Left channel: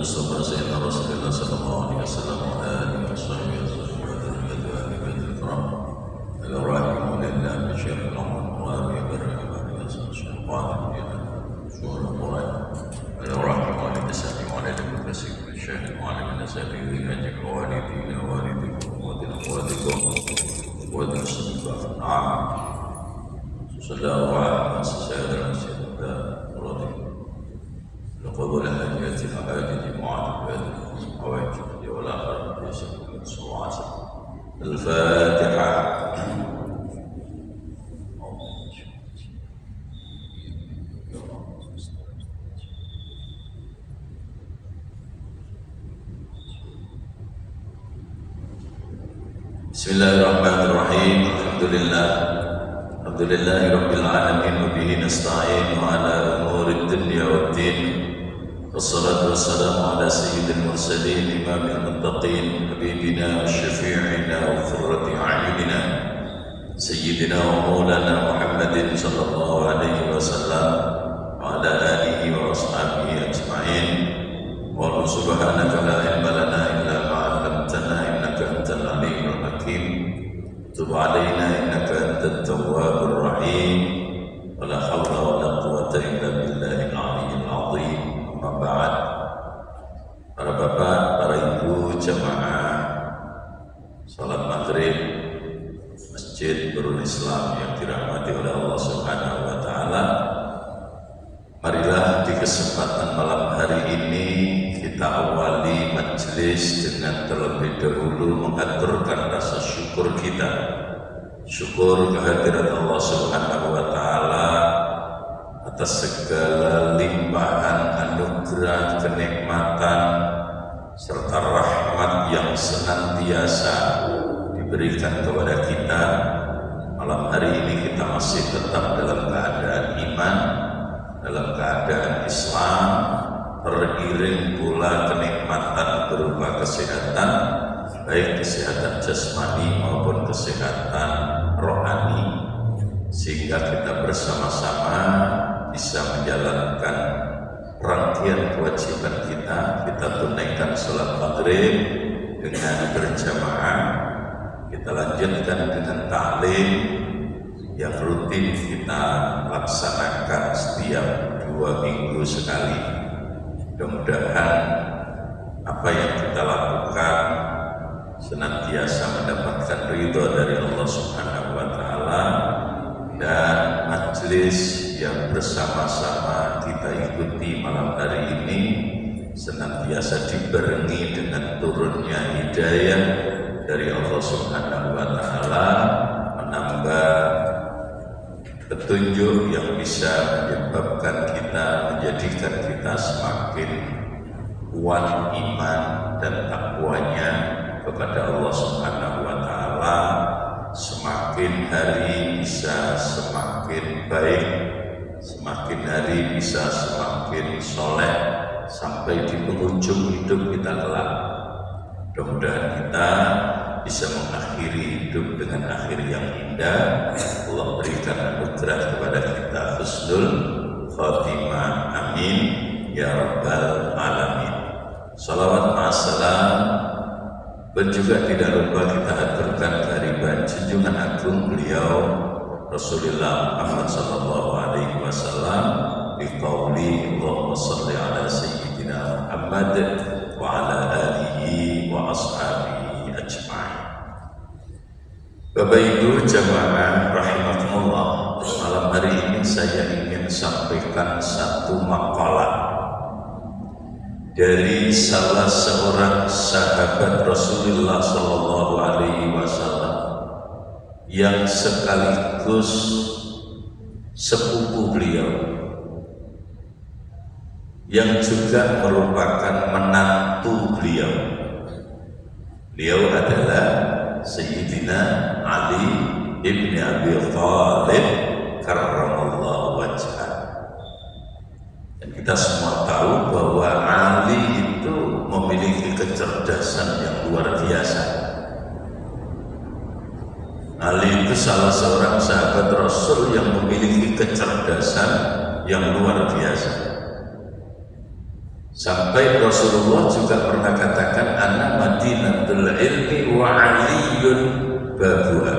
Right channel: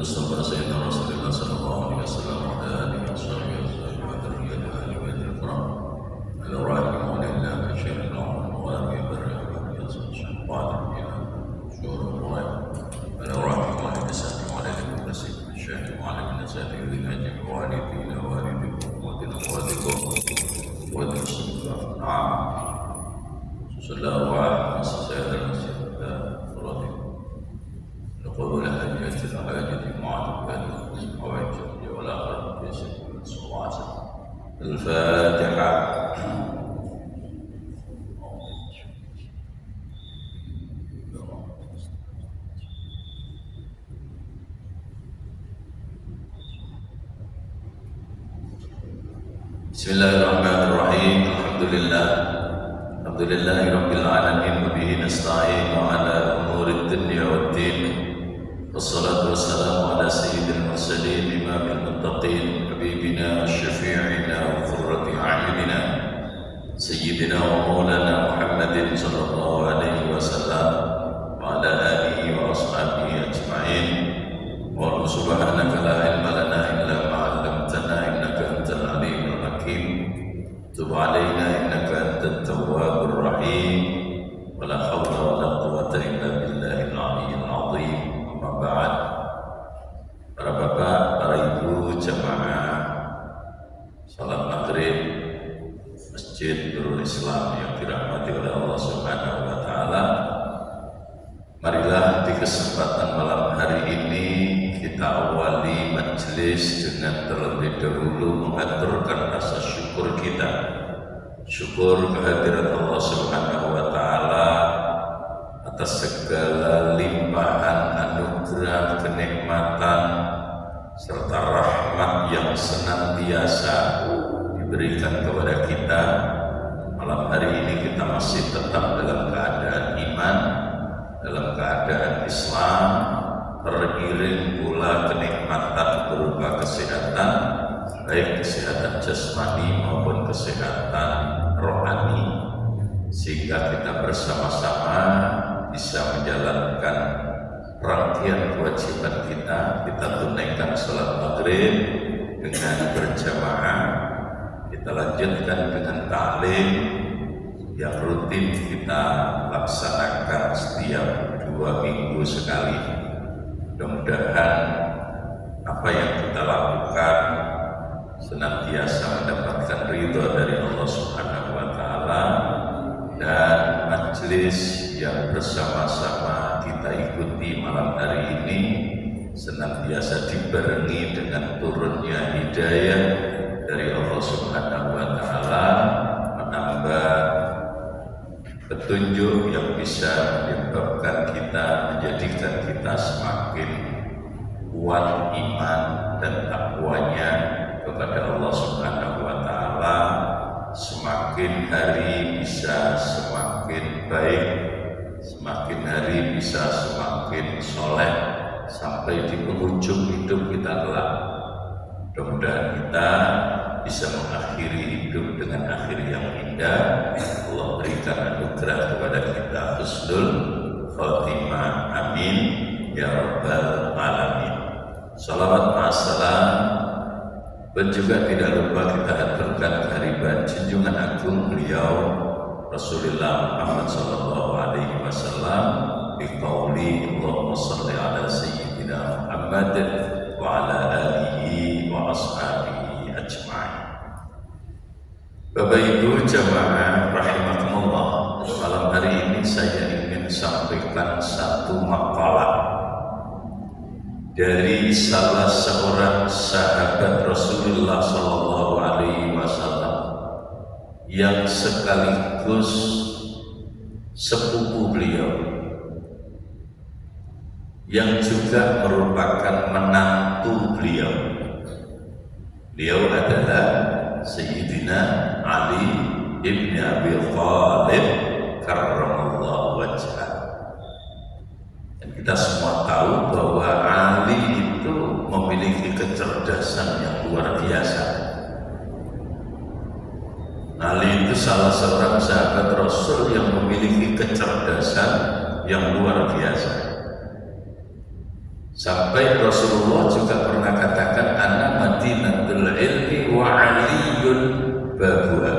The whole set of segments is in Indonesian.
المصطفى سيدنا رسول الله صلى الله عليه وسلم وعلى آله وصحبه وذريته وآل بيته الكرام الراحمون لله بشير القوم وآله بالرحمة يصل وعلى شؤون القرآن الراحمون لسانه وعلى كل شيء الشاهد وعلى من سبيل الهجر والدينا والديكم ودين والدكم ودين الصدقاء نعم صلى الله عليه وسلم لقبول حاجات الحاجة معاذ وواجب والآخر يسكن الصلاة الفاتحة. بسم الله الرحمن الرحيم. الحمد لله رب العالمين وبه نستعين على أمور الدنيا والدين والصلاة والسلام على سيد المرسلين إمام المتقين حبيبنا وشفيعنا وقرة أعيننا سيدنا ومولانا محمد صلى الله عليه وسلم وعلى آله وأصحابه أجمعين. والله سبحانك لا علم لنا إلا ما علمتنا إنك أنت العليم الحكيم. تب علينا إنك أنت التواب الرحيم. ولا حول ولا قوة إلا بالله العلي العظيم. Amma ba'd. Para bapak, para ibu jamaah salat maghrib Masjid Nurul Islam yang dirahmati oleh Allah Subhanahu wa taala. Marilah di kesempatan malam hari ini kita awali majelis dengan terlebih dahulu mengaturkan rasa syukur kita. Syukur kehadirat Allah Subhanahu wa taala atas segala limpahan anugerah, kenikmatan serta rahmat yang senantiasa diberikan kepada kita. Malam hari ini kita masih tetap dalam keadaan iman, dalam keadaan Islam, teriring pula kenikmatan berupa kesehatan, baik kesehatan jasmani maupun kesehatan rohani, sehingga kita bersama-sama bisa menjalankan rangkaian kewajiban kita. Kita tunaikan sholat maghrib dengan berjamaah, kita lanjutkan dengan ta'lim yang rutin kita laksanakan setiap 2 minggu sekali. Mudah-mudahan apa yang kita lakukan senantiasa mendapatkan ridho dari Allah Subhanahu wa taala, dan majelis yang bersama-sama kita ikuti malam hari ini senantiasa dibarengi dengan turunnya hidayah dari Allah Subhanahu wa taala, menambah petunjuk yang bisa menyebabkan kita, menjadikan kita semakin kuat iman dan takwanya kepada Allah Subhanahu wa taala. Semakin hari bisa semakin baik, semakin hari bisa semakin soleh sampai di penghujung hidup kita kelak. Mudah-mudahan kita bisa mengakhiri hidup dengan akhir yang indah. Allah berikan anugerah kepada kita husnul khatimah, amin ya rabbal alamin. Salawat wassalam dan juga tidak lupa kita aturkan kehadiran junjungan agung beliau Rasulullah Muhammad sallallahu alaihi wasallam bi qauli Allahumma shalli ala sayyidina Muhammad wa ala alihi wa ashabihi ajma'in. Bapak Ibu jamaah rahimakumullah, malam hari ini saya ingin sampaikan satu makalah dari salah seorang sahabat Rasulullah sallallahu alaihi wasallam yang sekaligus sepupu beliau, yang juga merupakan menantu beliau. Beliau adalah Sayyidina Ali ibn Abi Thalib karramallahu wajhah. Dan kita semua tahu bahwa Ali itu memiliki kecerdasan yang luar biasa. Ali itu salah seorang sahabat Rasul yang memiliki kecerdasan yang luar biasa. Sampai Rasulullah juga pernah katakan ana madinatul ilmi wa aliyun babuha.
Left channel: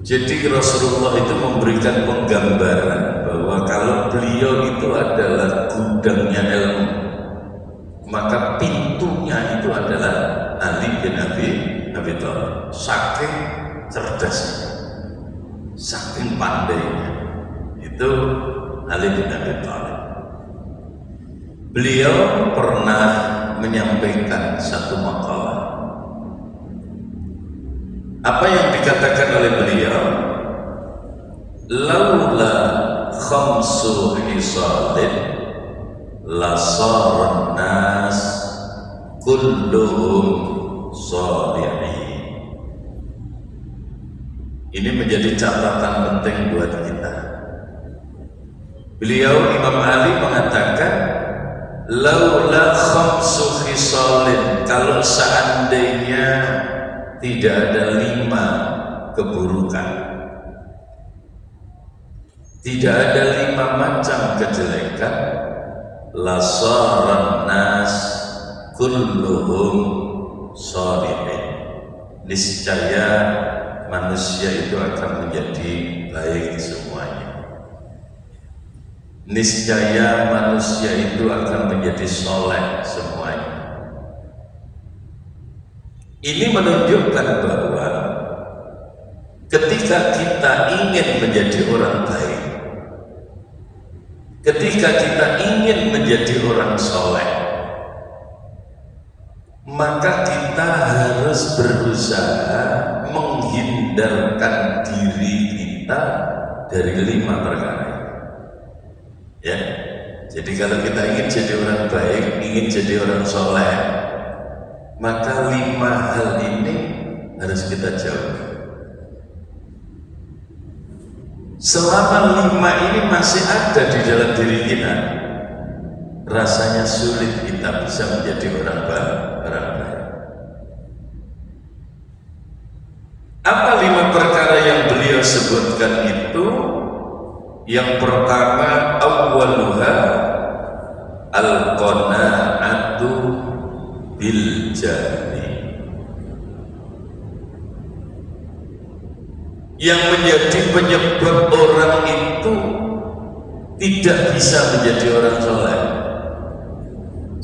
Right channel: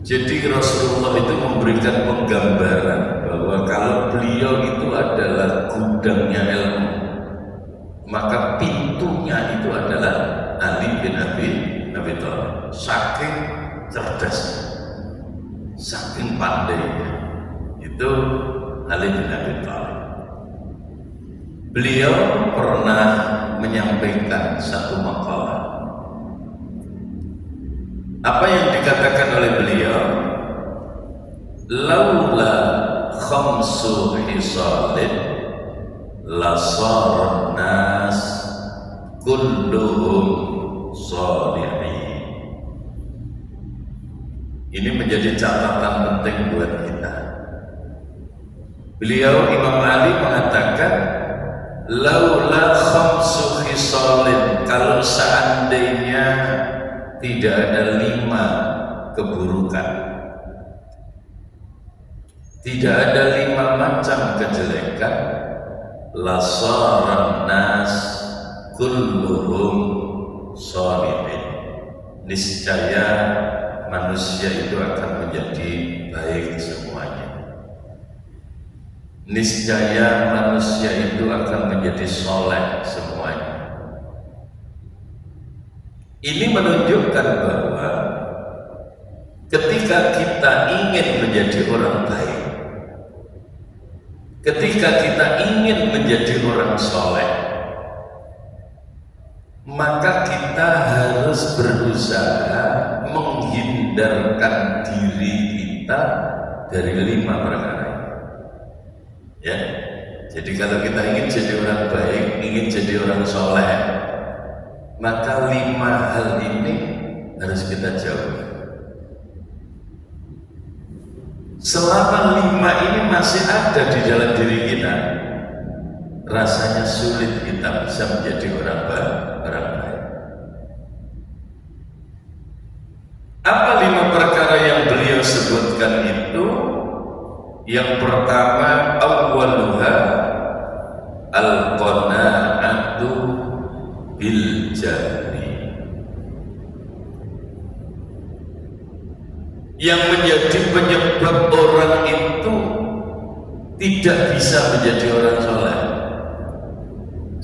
Jadi Rasulullah itu memberikan penggambaran bahwa kalau beliau itu adalah gudangnya ilmu, maka pintunya itu adalah Ali bin Abi Thalib. Saking cerdasnya, saking pandainya, itu Ali bin Abi Thalib. Beliau pernah menyampaikan satu makalah. Apa yang dikatakan oleh beliau? Laula khamsu hisalin lasaran nas kulluhum salihin. Ini menjadi catatan penting buat kita. Beliau Imam Ali mengatakan laula khamsu hisalin, kalau seandainya tidak ada 5 keburukan, tidak ada 5 macam kejelekan, lasaran nas kulluhum shalihin, niscaya manusia itu akan menjadi baik semuanya. Niscaya manusia itu akan menjadi soleh semuanya. Ini menunjukkan bahwa ketika kita ingin menjadi orang baik, ketika kita ingin menjadi orang soleh, maka kita harus berusaha menghindarkan diri kita dari 5 perkara ini. Ya, jadi kalau kita ingin jadi orang baik, ingin jadi orang soleh, maka 5 hal ini harus kita jauhi. Selama 5 ini masih ada di dalam diri kita, rasanya sulit kita bisa menjadi orang baik. Apa 5 perkara yang beliau sebutkan itu? Yang pertama, awwaluha al-qana'atu bil jahli. Yang menjadi penyebab orang itu tidak bisa menjadi orang soleh.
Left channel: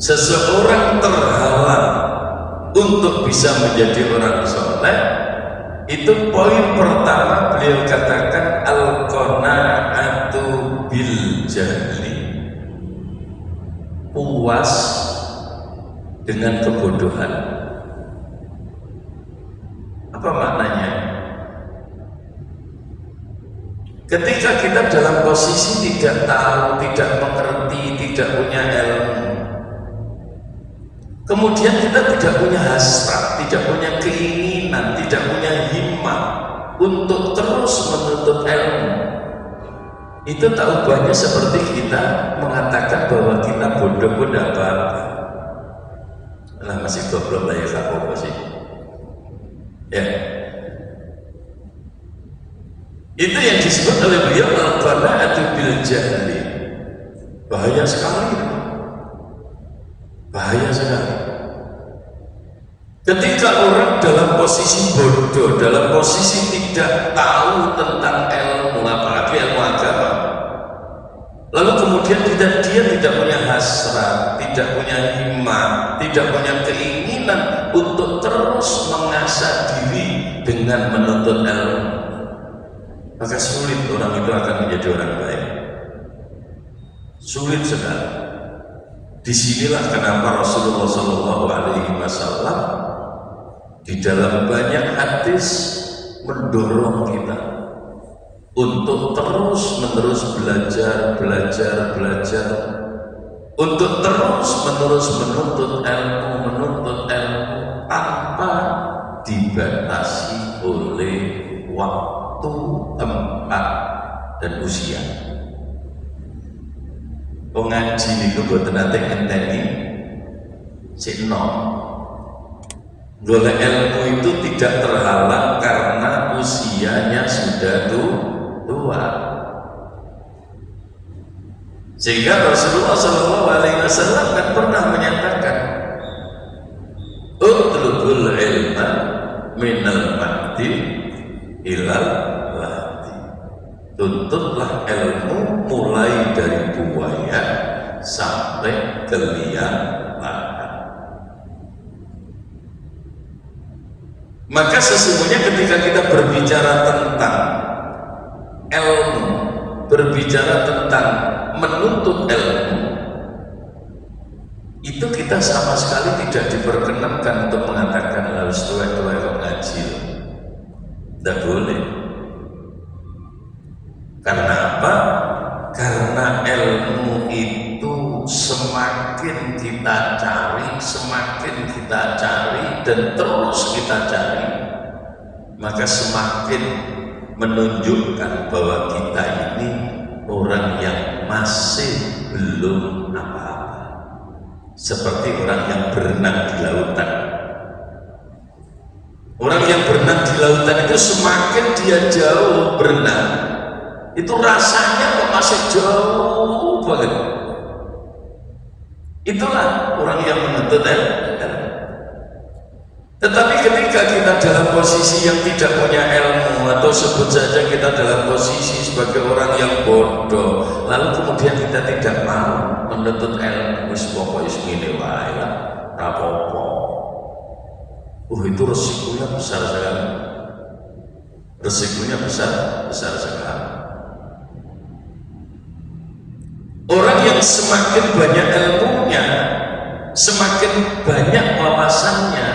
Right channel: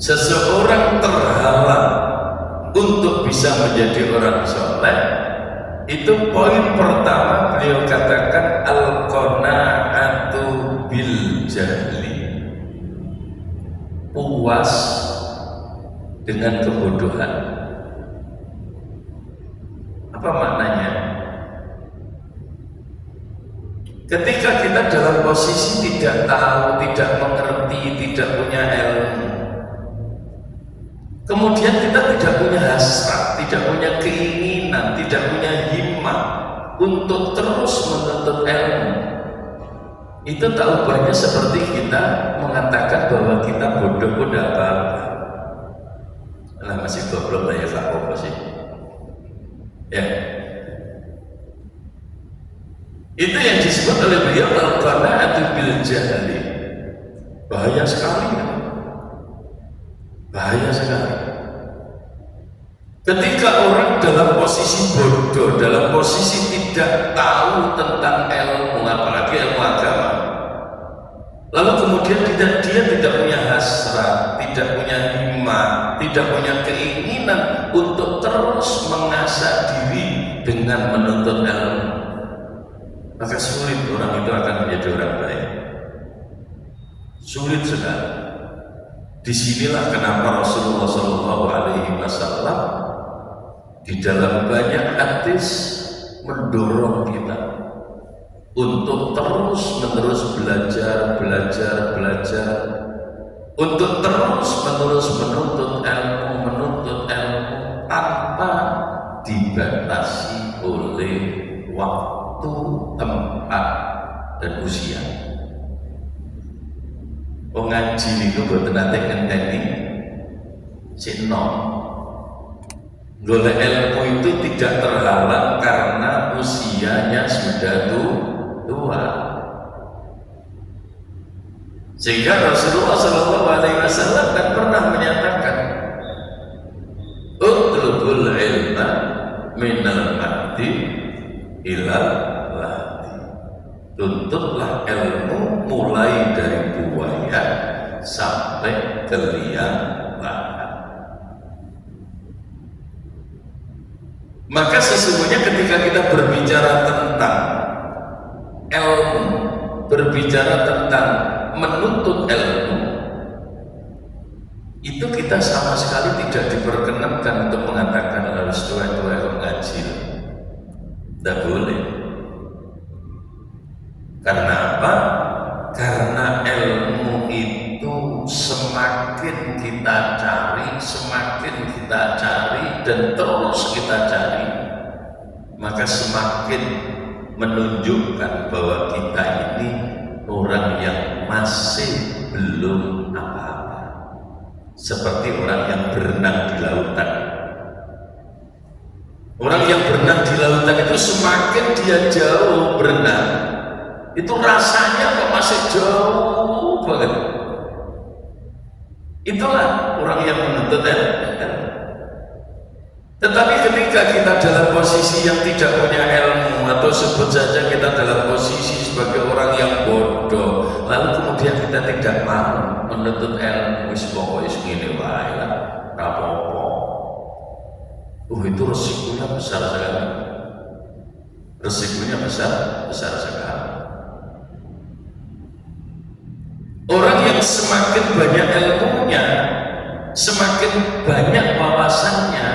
Seseorang terhalang untuk bisa menjadi orang soleh, itu poin pertama beliau katakan al-qana'atu bil jahli, puas dengan kebodohan. Apa maknanya? Ketika kita dalam posisi tidak tahu, tidak mengerti, tidak punya ilmu, kemudian kita tidak punya hasrat, tidak punya keinginan, tidak punya himmah untuk terus menuntut ilmu, itu tak ubahnya seperti kita mengatakan bahwa kita bodoh pun tidak apa-apa. Lah masih goblok lah ya, apa sih? Ya. Itu yang disebut oleh beliau al-qana'atu bil jahli. Bahaya sekali itu. Bahaya sekali. Ketika orang dalam posisi bodoh, dalam posisi tidak tahu tentang ilmu, apalagi ilmu agama, lalu kemudian dia tidak punya hasrat, tidak punya himmah, tidak punya keinginan untuk terus mengasah diri dengan menuntut ilmu, maka sulit orang itu akan menjadi orang baik. Sulit sekali. Disinilah kenapa Rasulullah SAW di dalam banyak hadis mendorong kita untuk terus-menerus belajar, untuk terus-menerus menuntut ilmu tanpa dibatasi oleh waktu, tempat, dan usia. Pengaji itu buat nanti ngenteni si nom. Golek ilmu itu tidak terhalang karena usianya sudah tua. Sehingga Rasulullah Shallallahu Alaihi Wasallam kan pernah menyatakan, utlubul ilma minal mahdi ilal lahdi. Tuntutlah ilmu mulai dari buaya sampai ke liang lahat. Maka sesungguhnya ketika kita berbicara tentang ilmu, berbicara tentang menuntut ilmu, itu kita sama sekali tidak diperkenankan untuk mengatakan harus tua-tua yang ngaji. Tidak boleh. Karena apa? Karena ilmu itu semakin kita cari, semakin kita cari dan terus kita cari, maka semakin menunjukkan bahwa kita ini orang yang masih belum apa-apa. Seperti orang yang berenang di lautan. Orang yang berenang di lautan itu semakin dia jauh berenang, itu rasanya kok masih jauh banget. Itulah orang yang menuntut ilmu. Tetapi ketika kita dalam posisi yang tidak punya ilmu, atau sebut saja kita dalam posisi sebagai orang yang bodoh, lalu kemudian kita tidak mau menuntut ilmu, wis pokoknya segini wae lah, apa-apa. Itu resikonya besar sekali. Resikonya besar sekali. Orang yang semakin banyak ilmunya, semakin banyak wawasannya,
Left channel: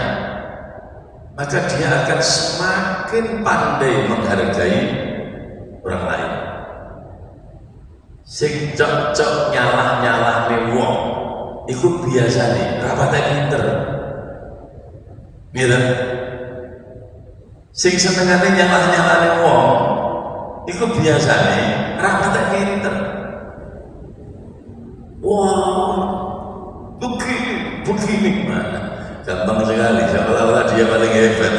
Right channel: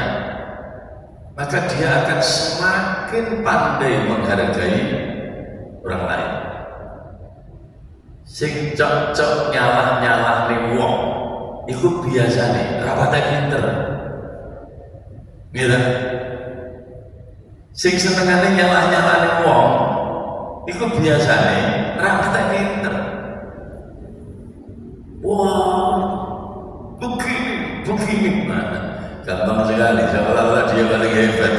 maka dia akan semakin pandai menghargai orang lain. Sing cocok nyalah nih wong, itu biasa nih, rapatnya pinter. Gitu. Sing senengane nyalah nih wong, itu biasa nih, rapatnya pinter. Wah, begini mana? Gampang sekali, seolah-olah dia paling hebat.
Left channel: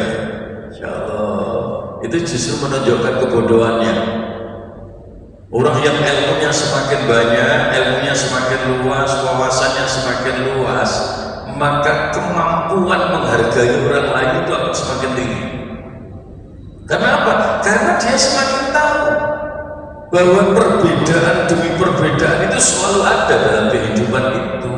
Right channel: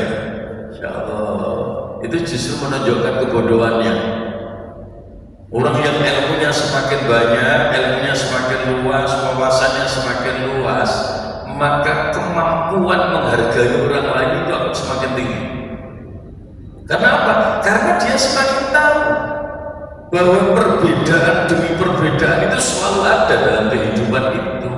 Insya Allah, itu justru menunjukkan kebodohannya. Orang yang ilmunya semakin banyak, ilmunya semakin luas, wawasannya semakin luas, maka kemampuan menghargai orang lain itu akan semakin tinggi. Kenapa? Karena dia semakin tahu bahwa perbedaan demi perbedaan itu selalu ada dalam kehidupan itu.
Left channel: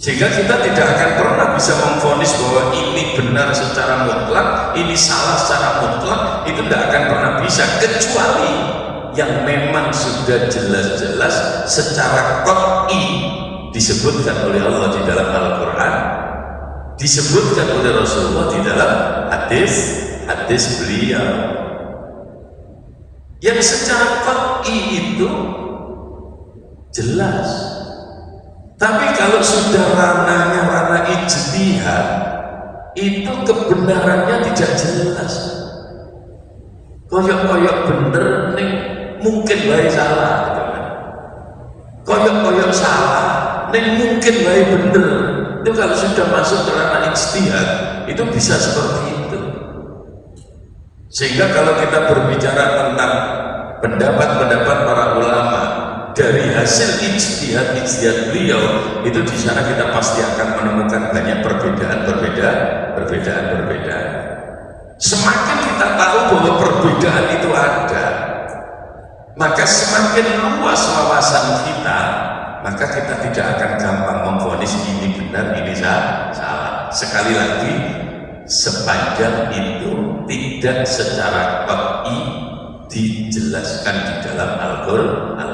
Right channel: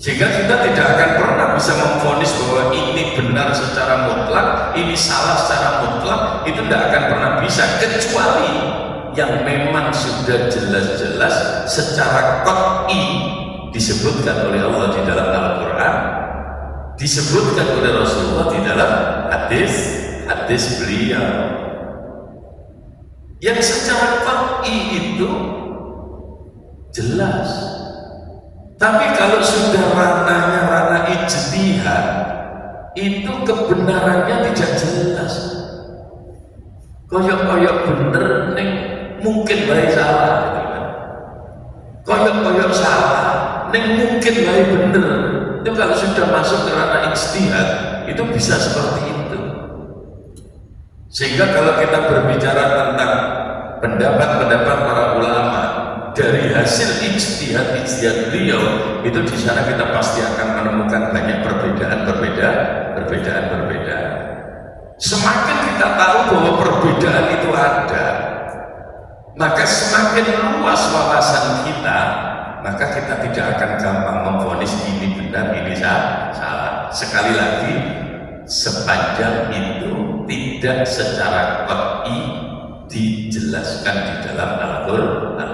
Sehingga kita tidak akan pernah bisa memvonis bahwa ini benar secara mutlak, ini salah secara mutlak, itu tidak akan pernah bisa, kecuali yang memang sudah jelas-jelas secara qat'i disebutkan oleh Allah di dalam Al-Quran, disebutkan oleh Rasulullah di dalam hadis beliau. Yang secara qat'i itu jelas. Tapi kalau sudah ranahnya ranah ijtihad, itu kebenarannya tidak jelas. Koyok-koyok bener nih, mungkin baik salah. Koyok-koyok salah, nih mungkin baik bener. Itu kalau sudah masuk ke ranah ijtihad, itu bisa seperti itu. Sehingga kalau kita berbicara tentang pendapat-pendapat para ulama dari hasil ijtihad beliau, itu di sana kita pasti akan menemukan banyak perbedaan. Semakin kita tahu bahwa perbedaan itu ada, maka semakin luas wawasan kita, maka kita tidak akan gampang memvonis ini benar, ini salah. Sekali lagi, sepanjang itu tidak secara qat'i dijelaskan di dalam Al-Quran.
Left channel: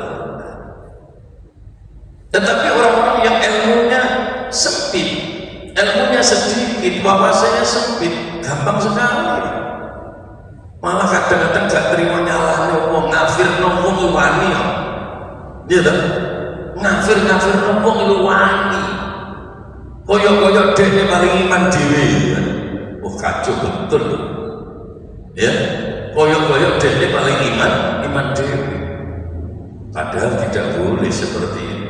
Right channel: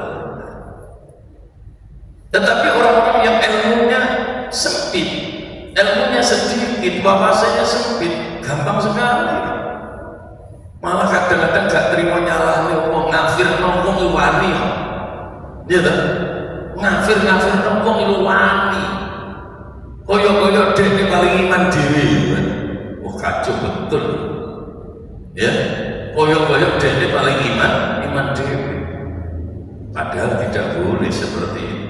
Tetapi orang-orang yang ilmunya sempit, ilmunya sedikit, wawasannya sempit, gampang sekali. Malah kadang-kadang gak terima nyalahnya wong, ngafir wong wani. Iya tak? Ngafir wong wani. Koyok-koyok dene paling iman dhewe. Oh kacau betul. Ya, koyok-koyok dene paling iman dhewe. Padahal tidak boleh seperti itu.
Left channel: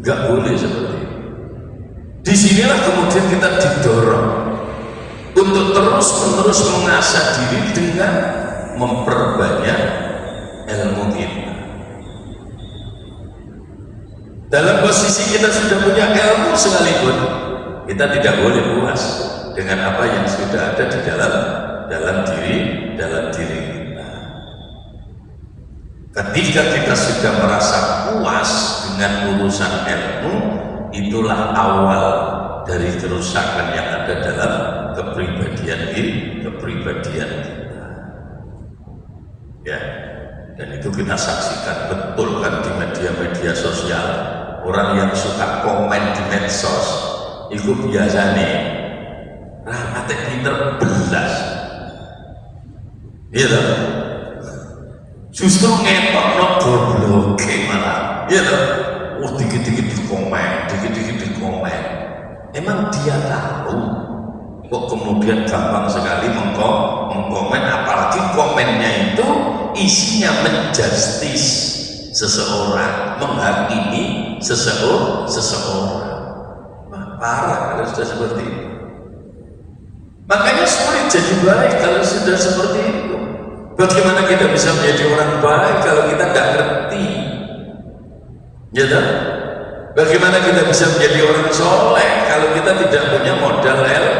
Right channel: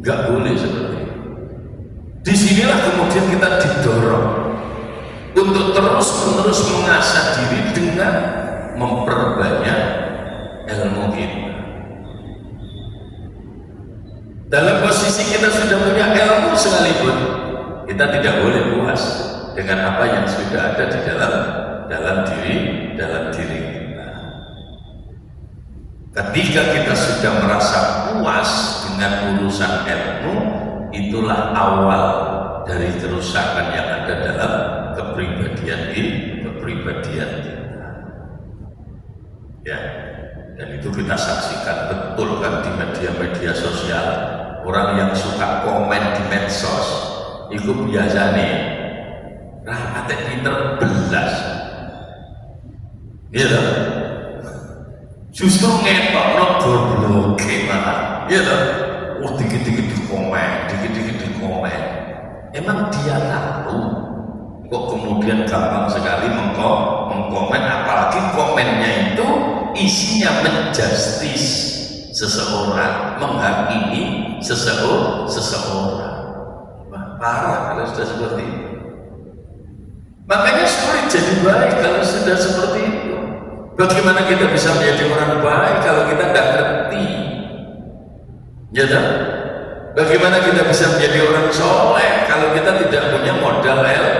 Gak boleh seperti itu. Disinilah kemudian kita didorong untuk terus-menerus mengasah diri dengan memperbanyak ilmu kita. Dalam posisi kita sudah punya ilmu sekalipun, kita tidak boleh puas dengan apa yang sudah ada di dalam diri kita. Ketika kita sudah merasa puas dengan urusan ilmu, itulah awal dari kerusakan yang ada dalam kepribadian kita. Ya, dan itu kita saksikan betul kan di media sosial. Orang yang suka komen di medsos itu biasa nih rahmatnya pinter belas, iya loh, justru ngetokno goblok malah, iya loh, dikit-dikit di komen, emang dia tahu kok kemudian gampang sekali mengkomen, apalagi komennya itu isinya menjustis seseorang, menghakimi seseorang. Wah, parah kalau sudah seperti itu. Makanya sulit jadi baik kalau sudah seperti itu. Bagaimana kita bisa menjadi orang baik kalau kita tidak ngerti? Ya kan? Bagaimana kita bisa menjadi orang soleh kalau kita tidak punya modal ilmu?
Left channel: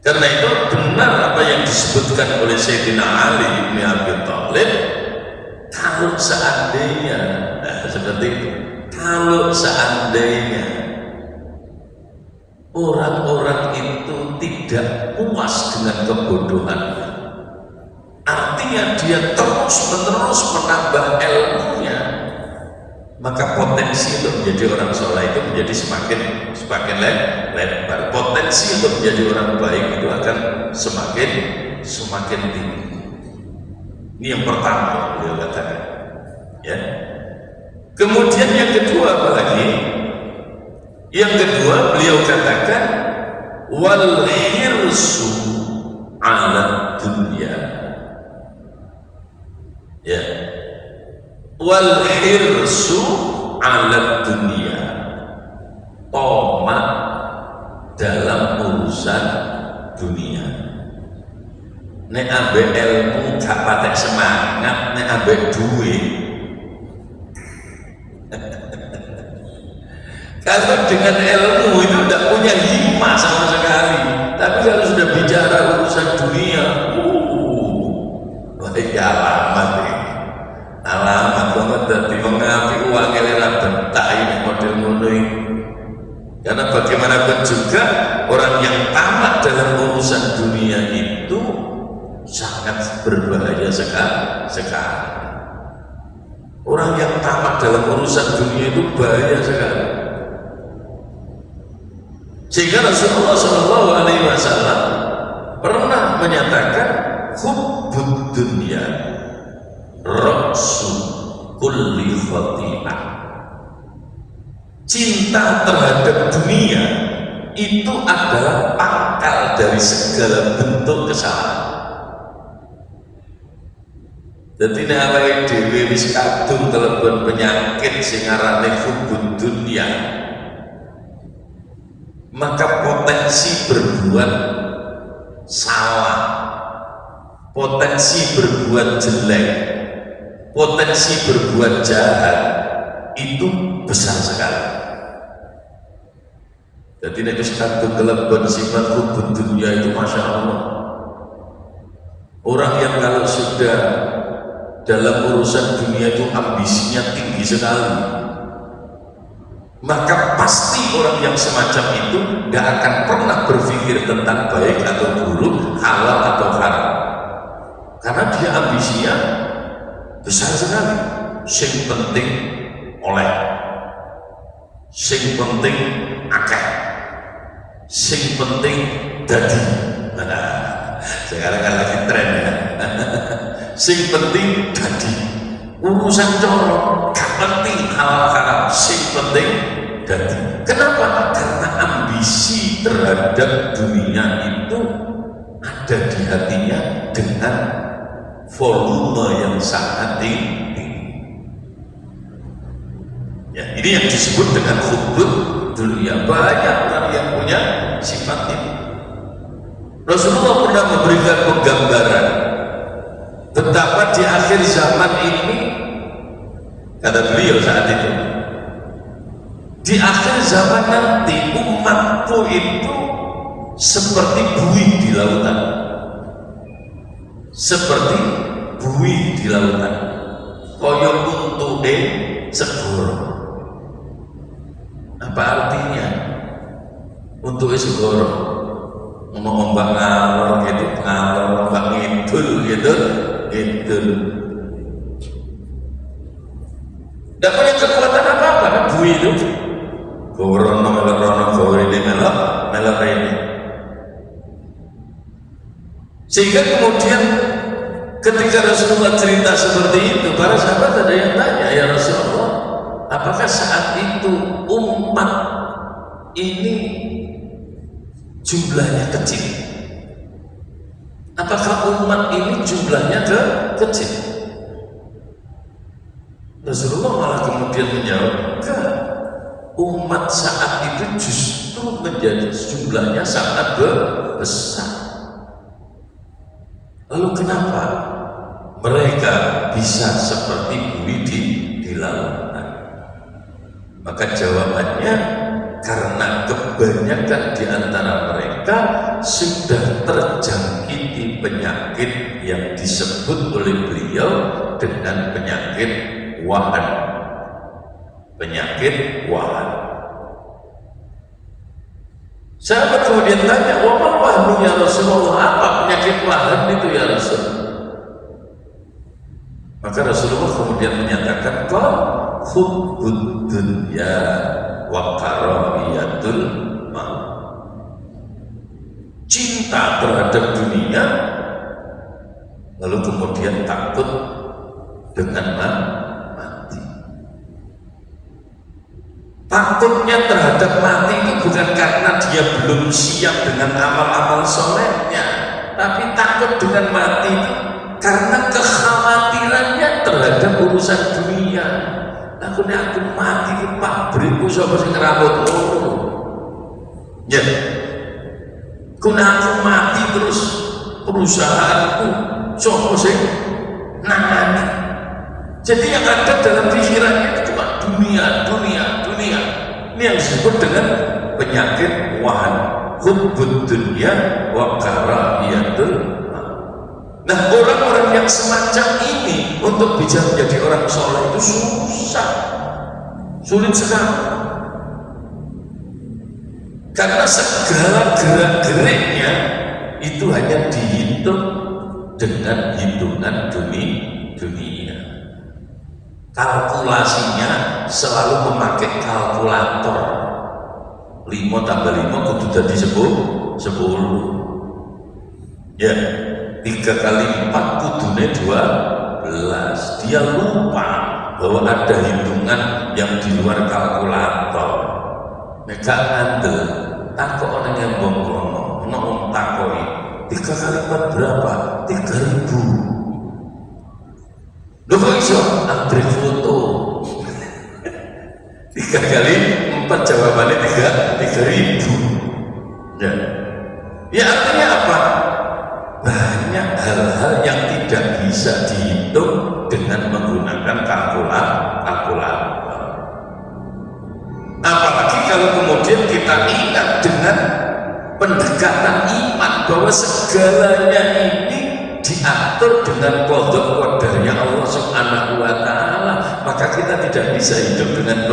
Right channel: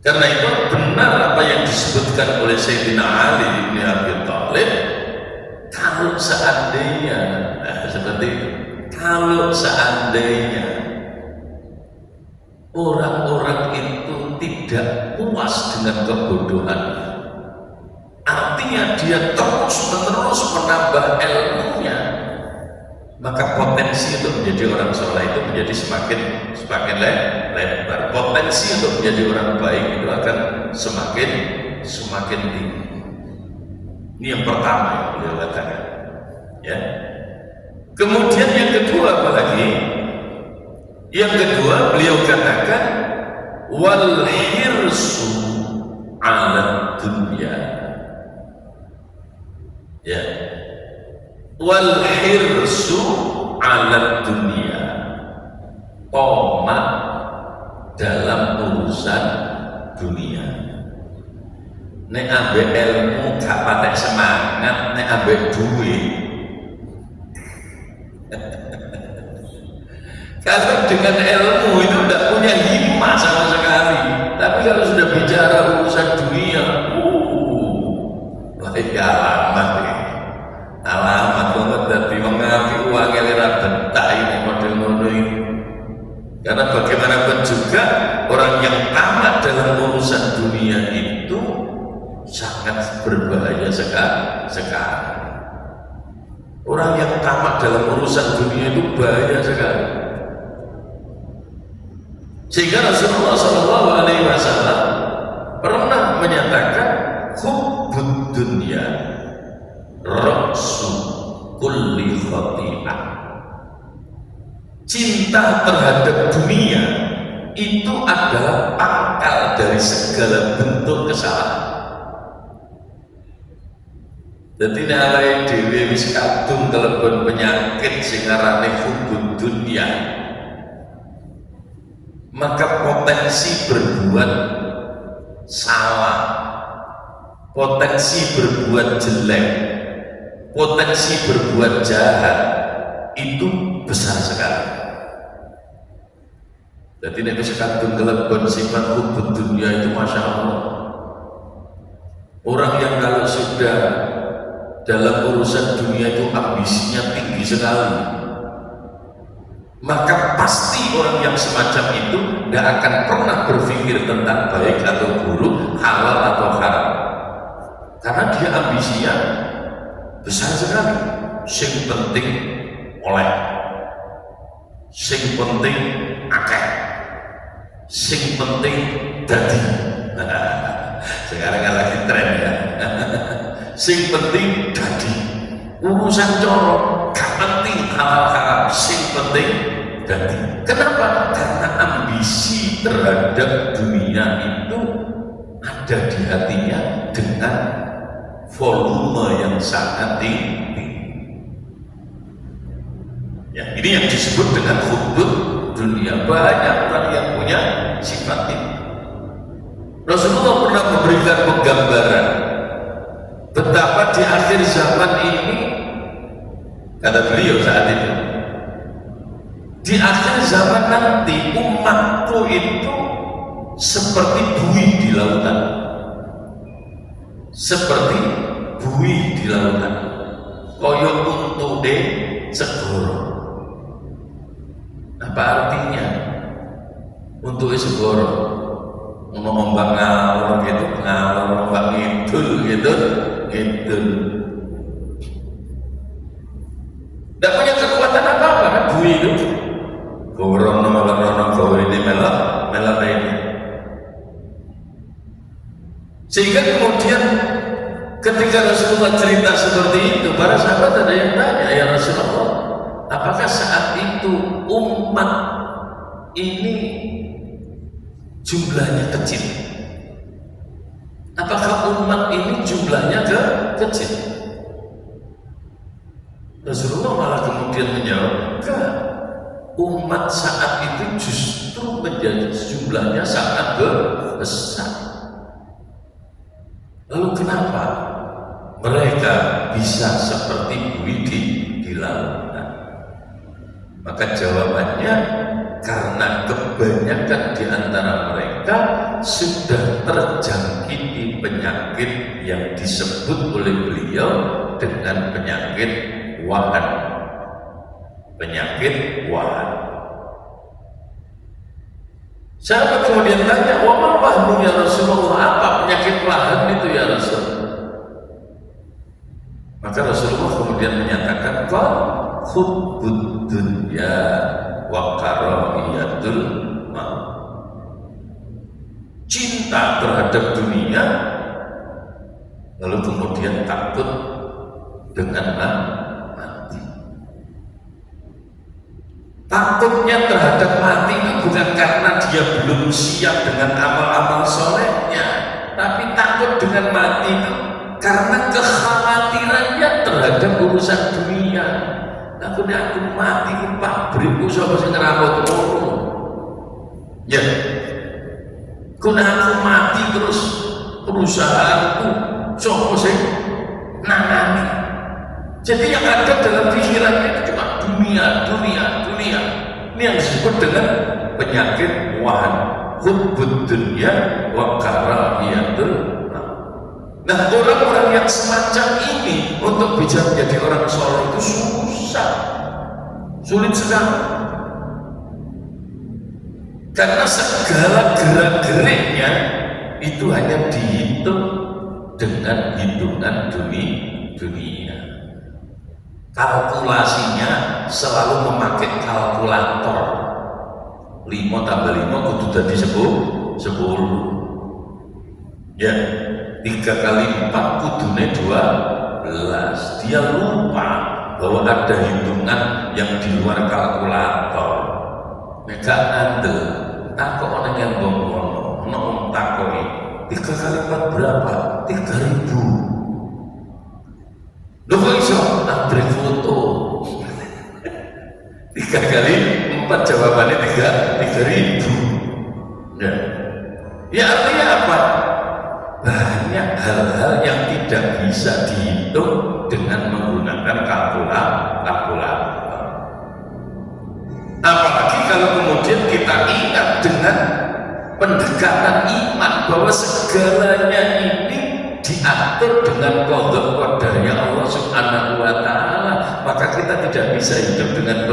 Karena itu benar apa yang disebutkan oleh Sayyidina Ali bin Abi Thalib, kalau seandainya seperti itu, kalau seandainya orang-orang itu tidak puas dengan kebodohannya, artinya dia terus-menerus menambah ilmunya, maka potensi untuk menjadi orang soleh itu menjadi semakin lebar. Potensi untuk menjadi orang baik itu akan semakin tinggi. Ini yang pertama yang beliau katakan. Ya. Kemudian yang kedua apa lagi? Yang kedua beliau katakan wal hirsu ala dunya. Ya. Wal hirsu ala dunya, tamak dalam urusan dunia. Nek ambek ilmu gak patek semangat, nek ambek duit kalau dengan ilmu itu tidak punya himmah sama sekali. Tapi kalau sudah bicara urusan dunia, baik alamat ini. Alamat banget dari mengapi uang elera bentak ini model ngono ini. Karena bagaimanapun juga orang yang tamat dalam urusan dunia itu sangat berbahaya sekali. Orang yang tamat dalam urusan dunia itu bahaya sekali. Sehingga Rasulullah SAW pernah menyatakan hubbud dunya ra'su kulli khati'ah. Cinta terhadap dunia itu adalah pangkal dari segala bentuk kesalahan. Jadi nek dhewe wis kadung kelebon penyakit sing arane hubbud dunya, maka potensi berbuat salah, potensi berbuat jelek, potensi berbuat jahat itu besar sekali. Jadi nek wis kadung kelebon sifat hubbud dunya itu Masya Allah. Orang yang kalau sudah dalam urusan dunia itu ambisinya tinggi sekali, maka pasti orang yang semacam itu tidak akan pernah berpikir tentang baik atau buruk, halal atau haram, karena dia ambisinya besar sekali. Sing penting oleh, sing penting akeh, sing penting dadi. Sekarang kan lagi tren ya. Sing penting dadi, urusan coro gak penting halal haram, sing penting dadi. Kenapa? Karena ambisi terhadap dunia itu ada di hatinya dengan volume yang sangat tinggi. Ya, ini yang disebut dengan hubbud dunia. Banyak orang yang punya sifat ini. Rasulullah pernah memberikan penggambaran betapa di akhir zaman ini Kata beliau saat itu, di akhir zaman nanti umatku itu seperti buih di lautan, seperti buih di lautan, koyok untuke segoro. Apa artinya untuke segoro? Ngomong ombak ngalor gitu, ngalor ombak ngidul gitu, ngidul. Tidak punya kekuatan apa-apa kan buih itu. Gorono melok rono gor ini melok ini. Sehingga kemudian ketika Rasulullah cerita seperti itu, para sahabat ada yang tanya, ya Rasulullah, apakah saat itu umat ini jumlahnya kecil? Apakah umat ini jumlahnya kecil? Rasulullah malah kemudian menjawab, enggak. Umat saat itu justru menjadi jumlahnya sangat besar. Lalu kenapa mereka bisa seperti buih di lautan? Maka jawabannya, karena kebanyakan di antara mereka sudah terjangkiti penyakit yang disebut oleh beliau dengan penyakit wahan. Penyakit wahan. Sahabat kemudian tanya, wa ma wahnu ya Rasulullah, apa penyakit wahan itu ya Rasul? Maka Rasulullah kemudian menyatakan, qal hubbud dunya wa karahiyatul maut. Cinta terhadap dunia, lalu kemudian takut dengan mati. Takutnya terhadap mati itu bukan karena dia belum siap dengan amal-amal solehnya, tapi takut dengan mati itu karena kekhawatirannya terhadap urusan dunia. Aku mati di pabrikku siapa sing ngerawat ngono. Ya. Aku mati terus perusahaanku siapa sing nangani. Jadi yang ada dalam pikirannya itu cuma dunia. Ini yang disebut dengan penyakit wahan, hubbud dunya wa karahiyatul maut. Nah, orang-orang yang semacam ini untuk bisa menjadi orang soleh itu sulit sekali. Karena segala gerak-geriknya itu hanya dihitung dengan hitungan dunia. Kalkulasinya selalu memakai kalkulator. 5 tambah 5 kudu jadi 10. Ya, 3 kali 4 kudune 12. Dia lupa bahwa ada hitungan yang di luar kalkulator. Nek ngandel, aku orang yang bongkono, ngomong takoi. 3 kali 4 berapa? 3.000. Loh kok iso? Abrik foto 3 kali 4 jawabannya 3.000. Ya artinya apa? Banyak hal-hal yang tidak bisa dihitung dengan menggunakan kalkulator. Apalagi kalau kemudian kita ingat dengan pendekatan iman bahwa segalanya ini diatur dengan qada qadarnya Allah Subhanahu wa taala, maka kita tidak bisa hidup dengan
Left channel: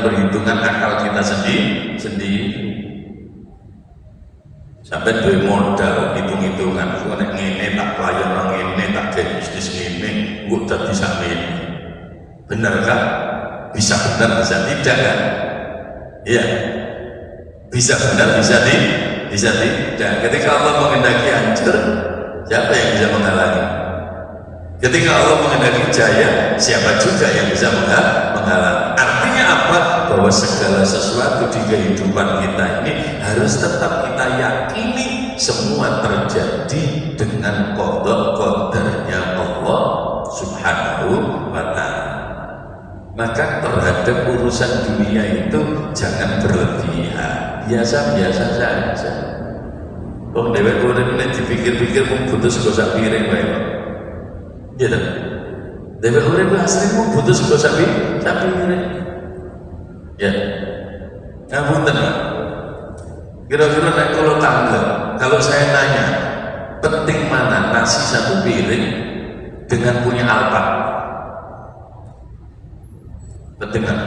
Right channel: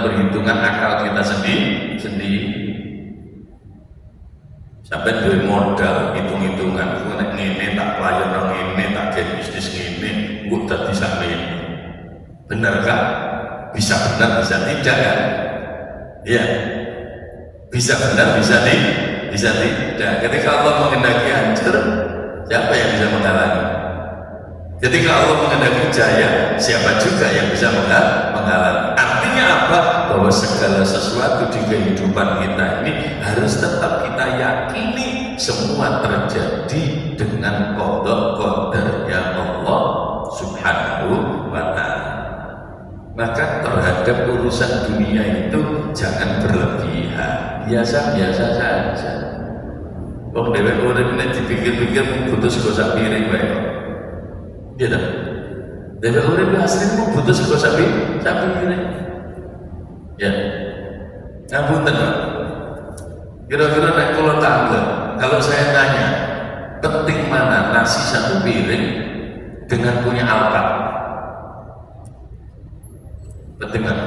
perhitungan akal kita sendiri. Sampai duwe modal hitung-hitungan, nek ngene tak pelayan ngene, tak gawe bisnis ngene, kok dadi sampeyan. Benar kan? Bisa benar, bisa tidak kan? Iya. Bisa benar, bisa tidak. Ketika Allah menghendaki hancur, siapa yang bisa menghalangi? Ketika Allah menghendaki jaya, siapa juga yang bisa menghalangi? Artinya apa? Bahwa segala sesuatu di kehidupan kita ini harus tetap kita yakini semua terjadi dengan qada qadarnya Allah Subhanahu wa ta'ala. Maka terhadap urusan dunia itu jangan berlebihan, biasa-biasa saja. Wong dhewek urip nek dipikir-pikir mung putus kok sak piring wae. Iya ta? Dewe urip asline butuh sego sapi urip. Ya. Ngapunten, Pak. Kira-kira nek kula tangga, kalau saya nanya, penting mana nasi satu piring dengan punya Alphard? Penting mana?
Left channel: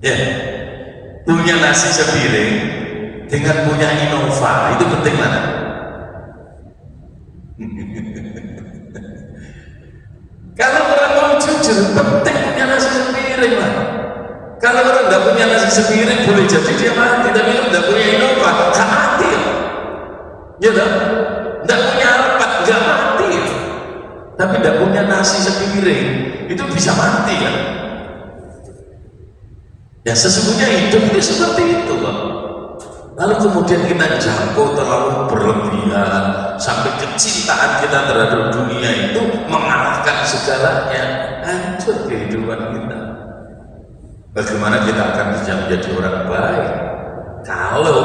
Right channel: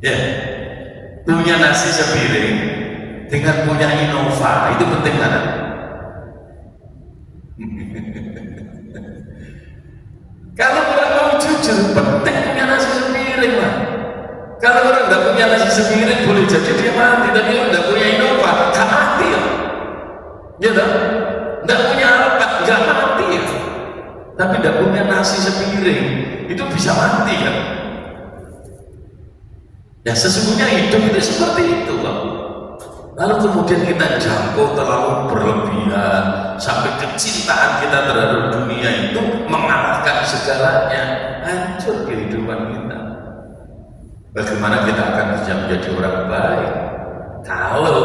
Ya. Punya nasi sepiring dengan punya Innova, itu penting mana? Kalau orang mau jujur, penting punya nasi sepiring lah. Kalau orang nggak punya nasi sepiring, boleh jadi dia mati. Tapi kalau nggak punya Innova, nggak mati ya. Ya tak? Nggak punya Alphard, nggak mati ya. Tapi nggak punya nasi sepiring, itu bisa mati kan? Ya sesungguhnya hidup itu seperti itu kok. Lalu kemudian kita jangkau terlalu berlebihan sampai kecintaan kita terhadap dunia itu mengalahkan segalanya, hancur kehidupan kita. Bagaimana kita akan bisa menjadi orang baik kalau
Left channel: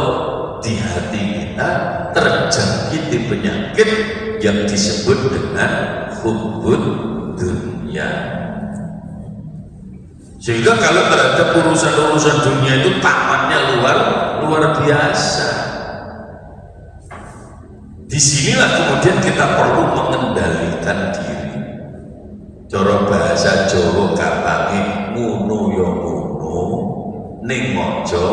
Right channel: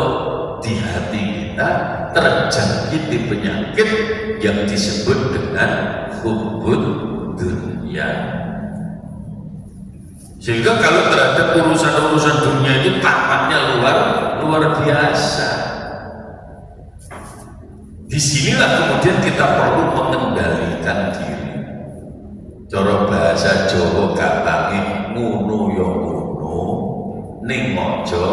di hati kita terjangkiti penyakit yang disebut dengan hubbud dunia. Sehingga kalau terhadap urusan-urusan dunia itu tamannya luar biasa. Disinilah kemudian kita perlu mengendalikan diri. Cara bahasa Jawa gampangnya ngono ya ngono, ning aja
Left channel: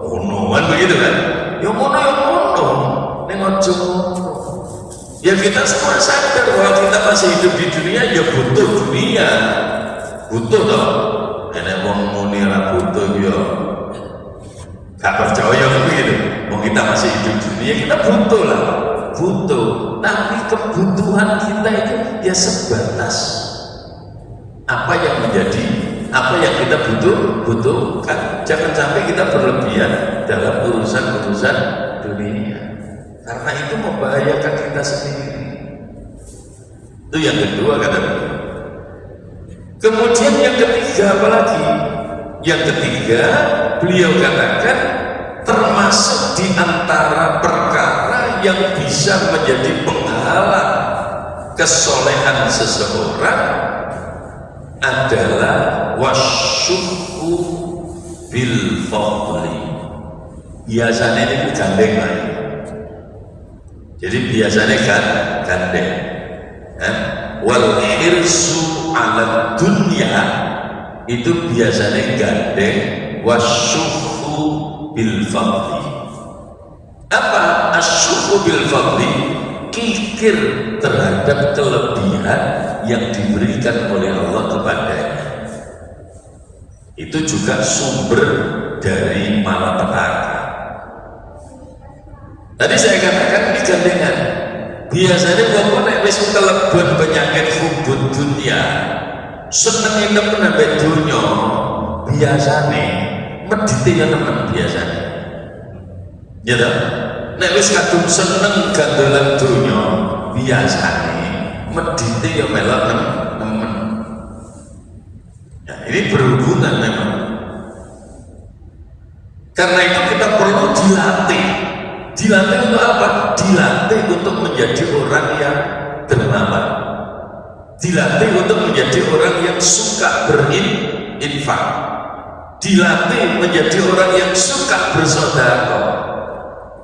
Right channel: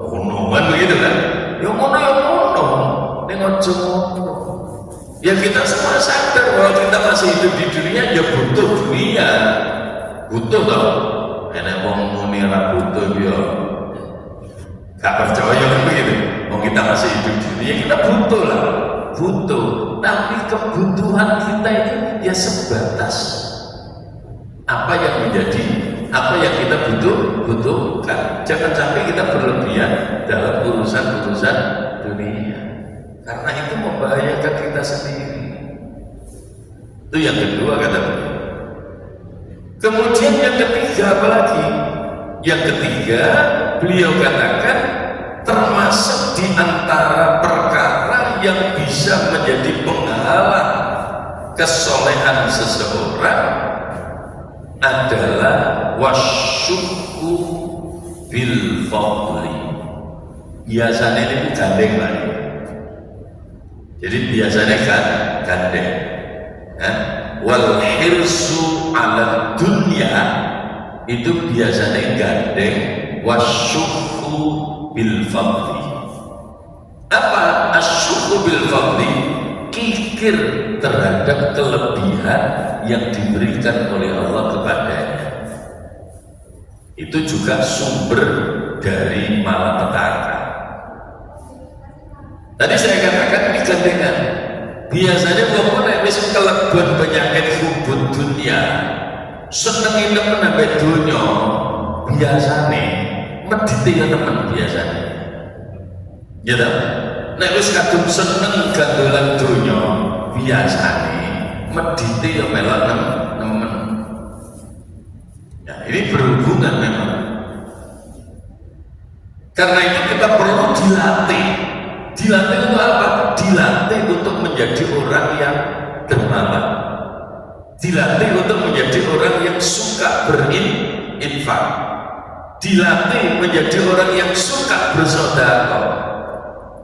ngono, kan begitu kan? Ya ngono, ning aja ngono. Ya kita semua sadar bahwa kita masih hidup di dunia, ya butuh dunia, butuh toh. Enak wong muni ora butuh ya gak percaya begitu. Wong kita masih hidup di dunia, kita butuh lah, butuh. Tapi kebutuhan kita itu ya sebatas apa yang kita butuhkan. Jangan sampai kita berlebihan dalam urusan dunia, karena itu membahayakan kita sendiri. Itu yang kedua kata beliau. Kemudian yang ketiga apalagi? Yang ketiga beliau katakan termasuk di antara perkara yang bisa menjadi penghalang kesolehan seseorang adalah wasyukku bil fadli. Biasanya ini gandeng lagi. Jadi biasanya kan gandeng. Wal hirsu ala dunya itu biasanya gandeng wasyukku bil fadli. Apa asyukku bil fadli? Kikir terhadap kelebihan yang diberikan oleh Allah kepadanya. Itu juga sumber dari malapetaka. Tadi saya katakan ini gandengan. Biasanya kalau nek wis kelebon penyakit hubbud dunia, seneng sampai dunia, biasanya medite yang nemen biasanya. Ya toh? Nek wis kadung seneng gandolan dunia, biasanya medite yang melok nemen. Ya, ini berhubungan memang. Karena itu kita perlu dilatih. Dilatih untuk apa? Dilatih untuk menjadi orang yang dermawan. Dilatih untuk menjadi orang yang suka berinfak. Dilatih menjadi orang yang suka bersedekah.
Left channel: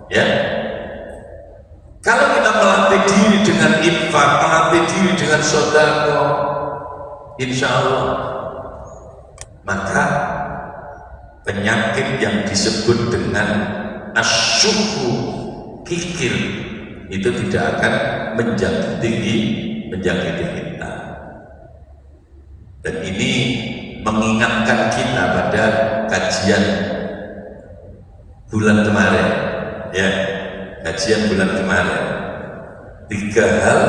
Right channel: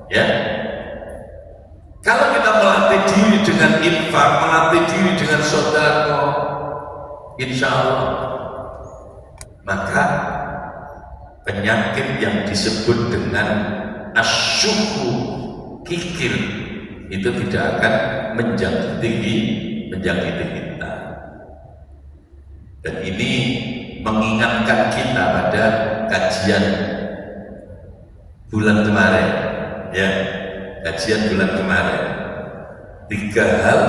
Ya. Kalau kita melatih diri dengan infak, melatih diri dengan sedekah, insya Allah, maka penyakit yang disebut dengan asyuku, kikir, itu tidak akan menjangkiti kita. Dan ini mengingatkan kita pada kajian bulan kemarin, ya, kajian bulan kemarin. 3 hal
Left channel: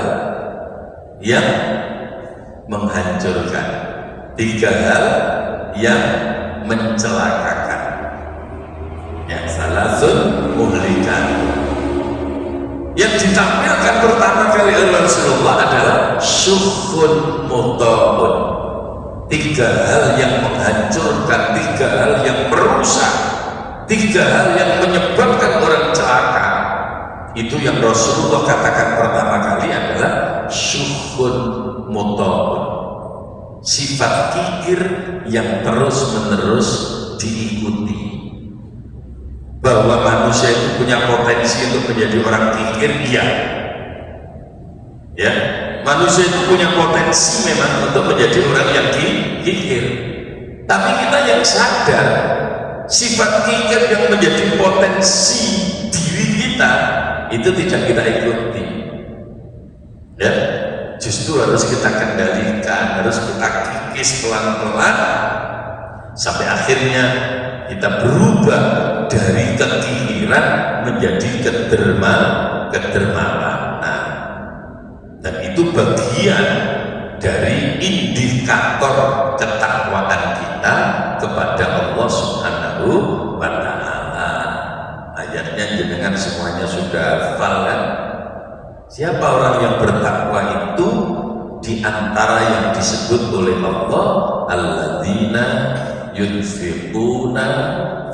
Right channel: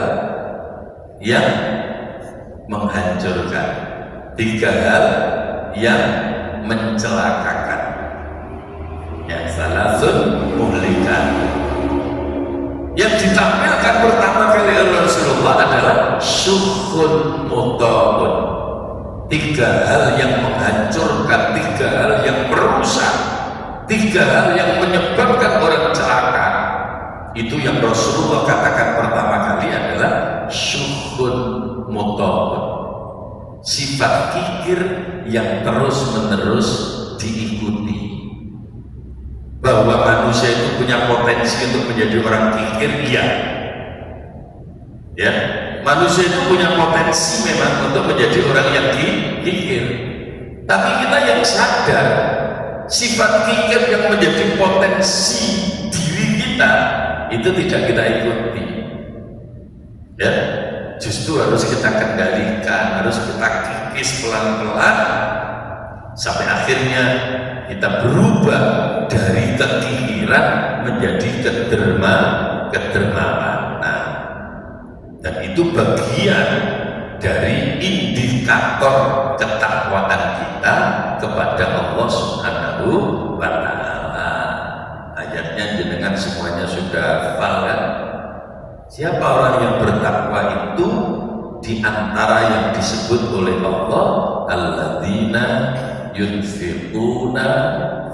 yang menghancurkan, 3 hal yang mencelakakan. Yang salasun muhlikan. Yang ditampilkan pertama kali oleh Rasulullah adalah syukhun muta'un. 3 hal yang menghancurkan, 3 hal yang merusak, 3 hal yang menyebabkan orang celaka. Itu yang Rasulullah katakan pertama kali adalah syukhun sifat kikir yang terus-menerus diikuti. Bahwa manusia itu punya potensi untuk menjadi orang kikir, iya. Ya, manusia itu punya potensi memang untuk menjadi orang yang kikir. Tapi kita yang sadar sifat kikir yang menjadi potensi diri kita itu tidak kita ikuti. Ya, justru harus kita kendalikan, harus kita kikis pelan-pelan sampai akhirnya kita berubah dari kekikiran menjadi kedermawanan. Dan itu bagian dari indikator ketakwaan kita kepada Allah Subhanahu wa Ta'ala. Ayatnya jenengan semuanya sudah hafal kan? Siapa orang yang bertakwa itu di antara yang disebut oleh Allah, alladzina yunfiquna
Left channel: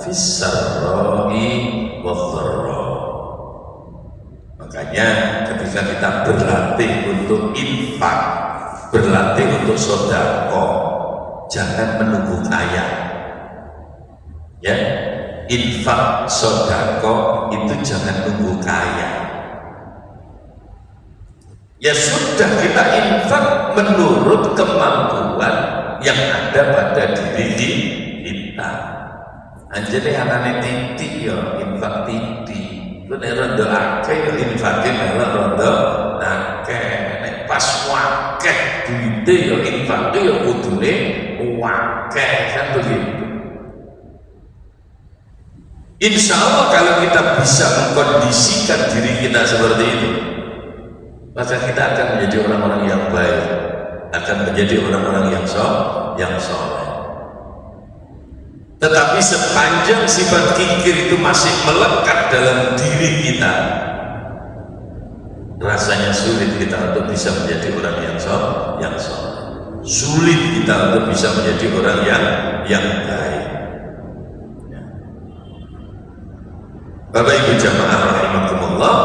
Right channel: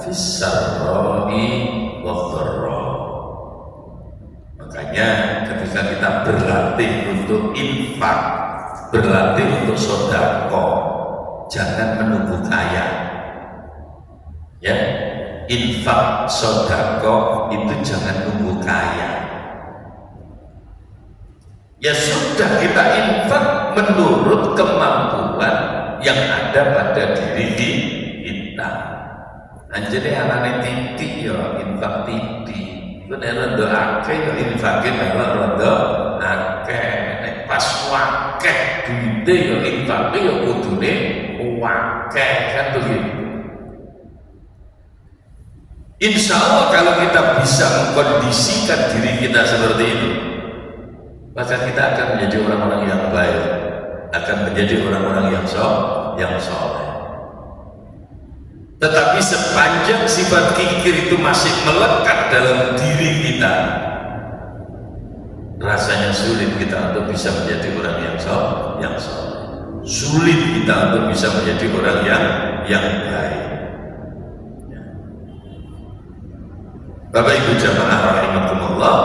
fis-sarra'i wadh-dharra. Makanya ketika kita berlatih untuk infak, berlatih untuk sedekah, jangan menunggu kaya. Ya, infak sedekah itu jangan nunggu kaya. Ya sudah, kita infak menurut kemampuan yang ada pada diri kita. Anjane anane titik ya infak titik. Ku nek rondo akeh ya infake melok rondo akeh. Nek pas wakeh duite ya infake ya kudune wakeh, kan begitu. Insya Allah kalau kita bisa mengkondisikan diri kita seperti itu, maka kita akan menjadi orang-orang yang baik, akan menjadi orang-orang yang soleh. Tetapi sepanjang sifat kikir itu masih melekat dalam diri kita, rasanya sulit kita untuk bisa menjadi orang yang soleh. Sulit kita untuk bisa menjadi orang yang baik. Bapak Ibu jamaah rahimakumullah,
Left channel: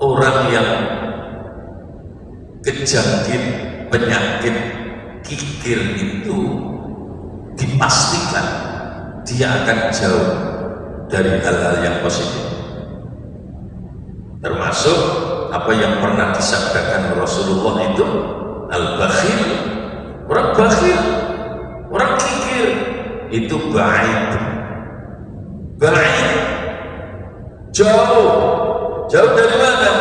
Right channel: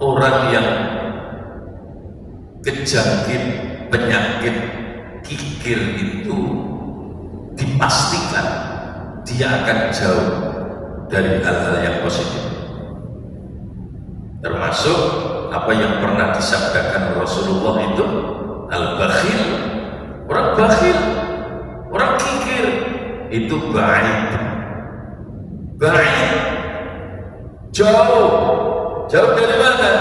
orang yang kejangkit penyakit kikir itu dipastikan dia akan jauh dari hal-hal yang positif, termasuk apa yang pernah disabdakan Rasulullah itu al-bakhil. Orang bakhil, orang kikir itu baik, jauh dari mana?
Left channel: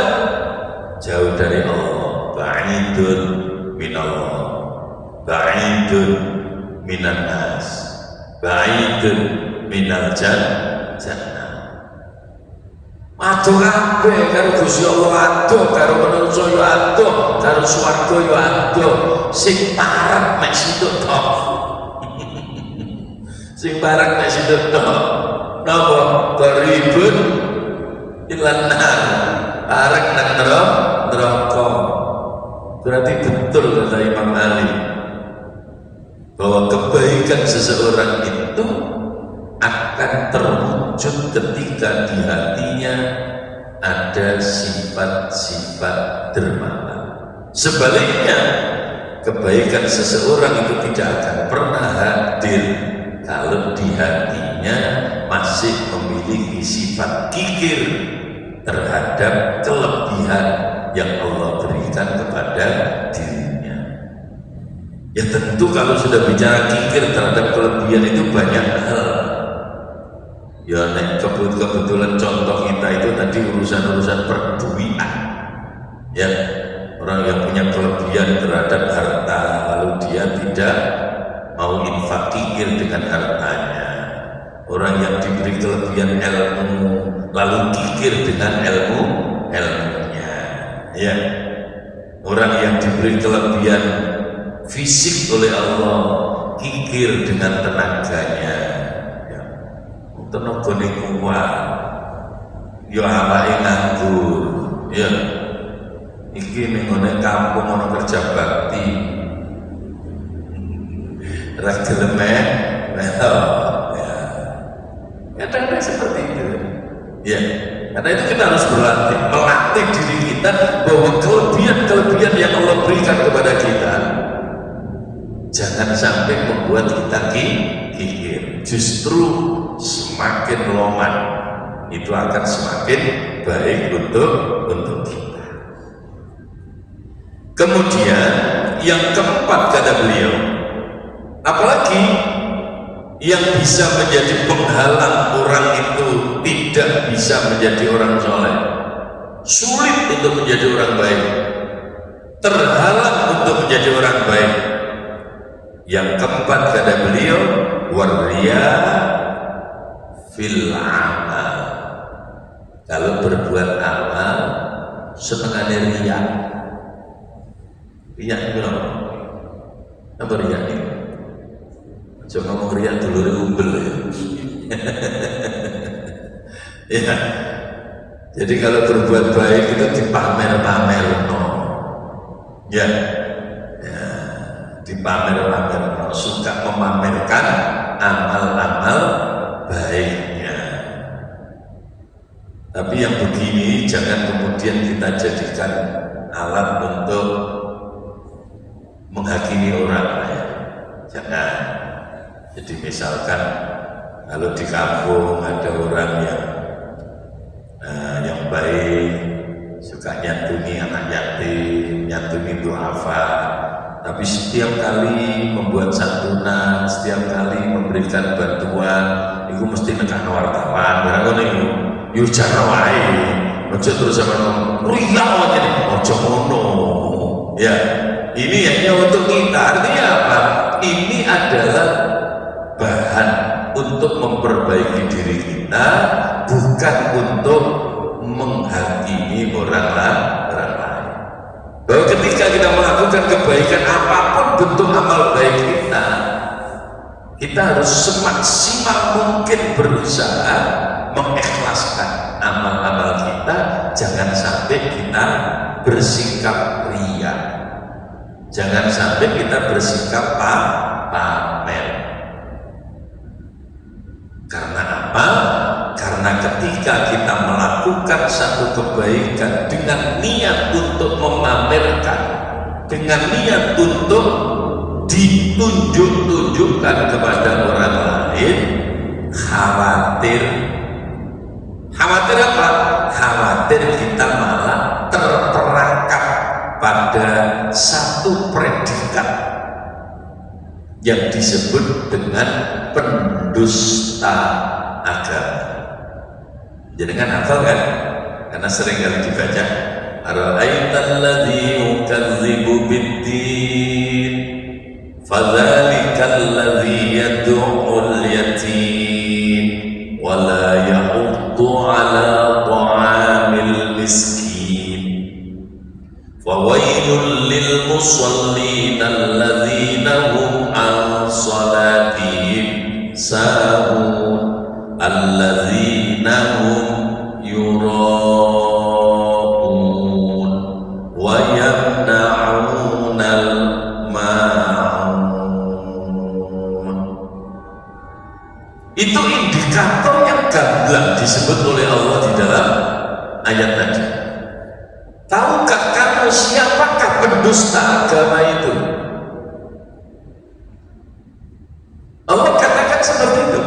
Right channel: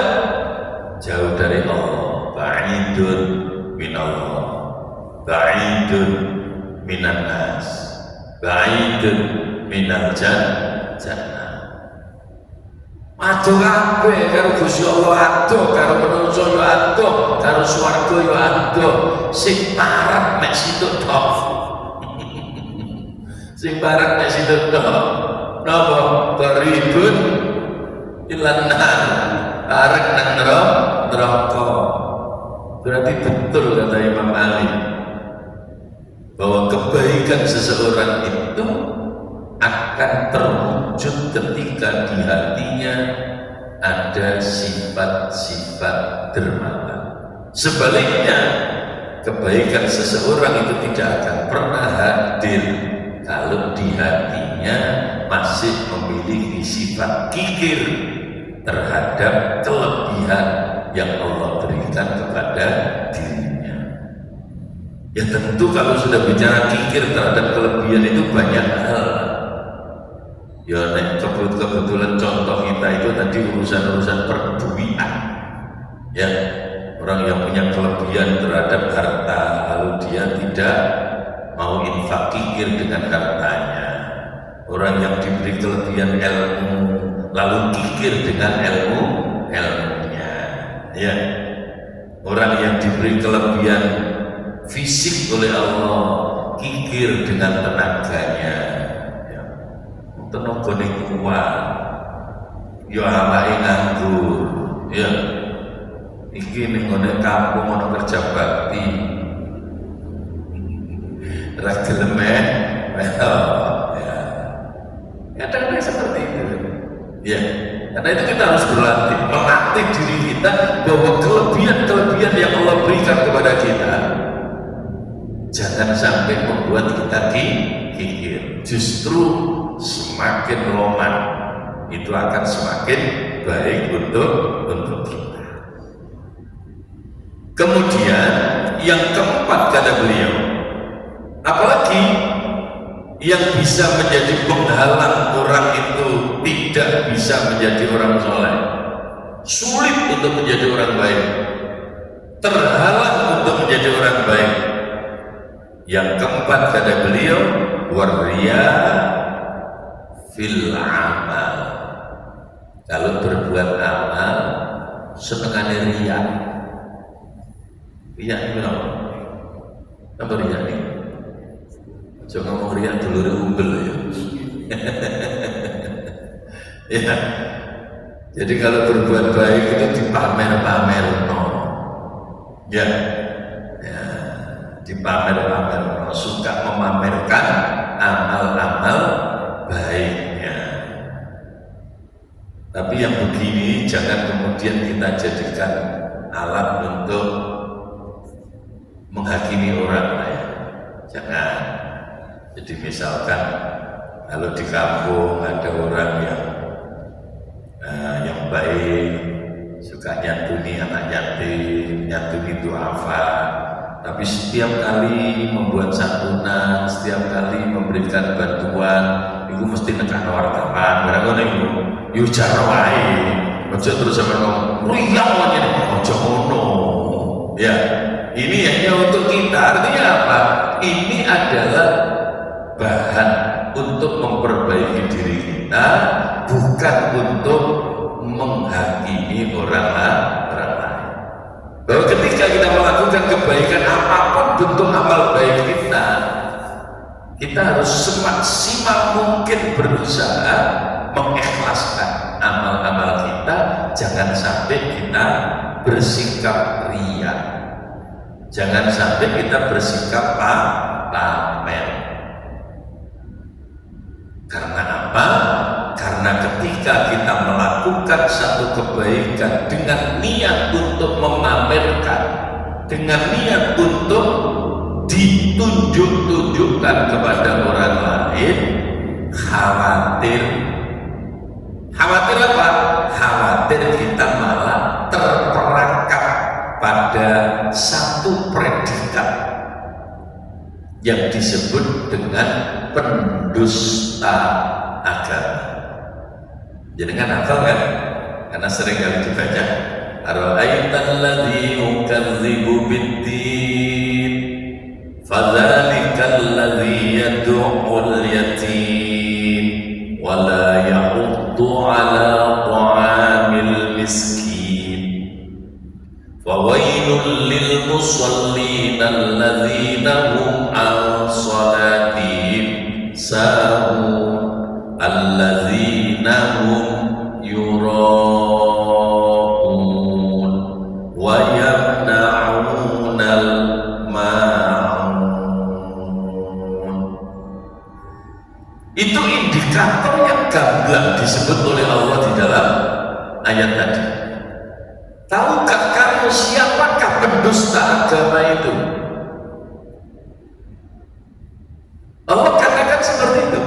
Jauh dari Allah. Ba'idun minallah, ba'idun minan nas, ba'idun minal jannah. Aduh kabeh karo Gusti Allah, aduh karo manungsa yo aduh, karo swarga yo aduh. Sing parek mek situ tok. Sing parek mek situ tok. Napa? Qaribun ilan nar, parek nang neraka. Berarti betul kata Imam Ali bahwa kebaikan seseorang itu akan terwujud ketika di hatinya ada sifat-sifat dermawan. Sebaliknya, kebaikan seseorang itu tidak akan pernah hadir kalau di hatinya masih memiliki sifat kikir terhadap kelebihan yang Allah berikan kepada dirinya. Ya tentu kalau sudah bicara kikir terhadap kelebihan itu banyak hal. Ya nek kebetulan contoh kita itu tadi urusan-urusan perduian. Ya, orang yang punya kelebihan terhadap harta lalu dia tidak mau infak kikir dengan hartanya. Orang yang diberi kelebihan ilmu lalu kikir dengan ilmunya. Ya, orang yang diberi kelebihan fisik oleh Allah kikir dengan tenaganya. Ya, tenagane kuat, yo awake nganggur. Ya, iki ning ngene kampung ana kerja bakti. Ra gelem kadang-kadang seperti itu. Ya, karena itu kita harus berlatih, melatih diri kita bahwa kelebihan-kelebihan yang Allah berikan kepada kita jangan sampai membuat kita kikir. Justru semakin longgar itu akan semakin baik untuk kita. Kemudian yang keempat kata beliau, apalagi yang bisa menjadi penghalang orang itu tidak bisa menjadi orang soleh, sulit untuk menjadi orang baik, terhalang untuk menjadi orang baik. Yang keempat kata beliau, waria fil amal. Kalau berbuat amal senengannya riya. Riya itu apa riya ini? Jangan ngomong riya dulure unggul ya. Ya. Jadi kalau berbuat baik itu dipamer-pamer, no. Ya. Ya, dipamer-pamer, no. Suka memamerkan amal-amal baiknya. Tapi yang begini jangan kemudian kita jadikan alat untuk menghakimi orang lain. Jangan. Jadi misalkan kalau di kampung ada orang yang baik, suka nyantuni anak yatim, nyantuni duafa, tapi setiap kali membuat santunan, setiap kali memberikan bantuan, itu mesti nekan wartawan. Karena ngono iku jaro wae. Ojo terus ngomong, "Riyak wae ojo ngono." Ya, ini hanya untuk kita. Artinya apa? Ini adalah bahan untuk memperbaiki diri kita, bukan untuk menghakimi orang lain. Bahwa ketika kita melakukan kebaikan apapun bentuk amal baik kita harus semaksimal mungkin berusaha mengikhlaskan amal-amal kita. Jangan sampai kita bersikap riya, jangan sampai kita bersikap pamer. Karena apa? Karena ketika kita melakukan satu kebaikan dengan niat untuk memamerkan, dengan niat untuk ditunjuk-tunjukkan kepada orang lain, khawatir apa? Khawatir kita malah terperangkap pada satu predikat yang disebut dengan pendusta agama. Jadi kan hafal kan? Karena sering kali dibaca. Ara'aital ladzi yukadzibu bid-din fadzalikal ladzi yad'ul yatim wa la yahuddu 'ala ta'amil miskin. Fawailul lil musallin alladzina hum an salatihim sahun alladzina hum yura'un wa yamna'unal ma'un. Itu indikator yang gamblang disebut oleh Allah di dalam ayat tadi. Tahukah kamu siapakah pendusta agama itu? Allah katakan seperti itu.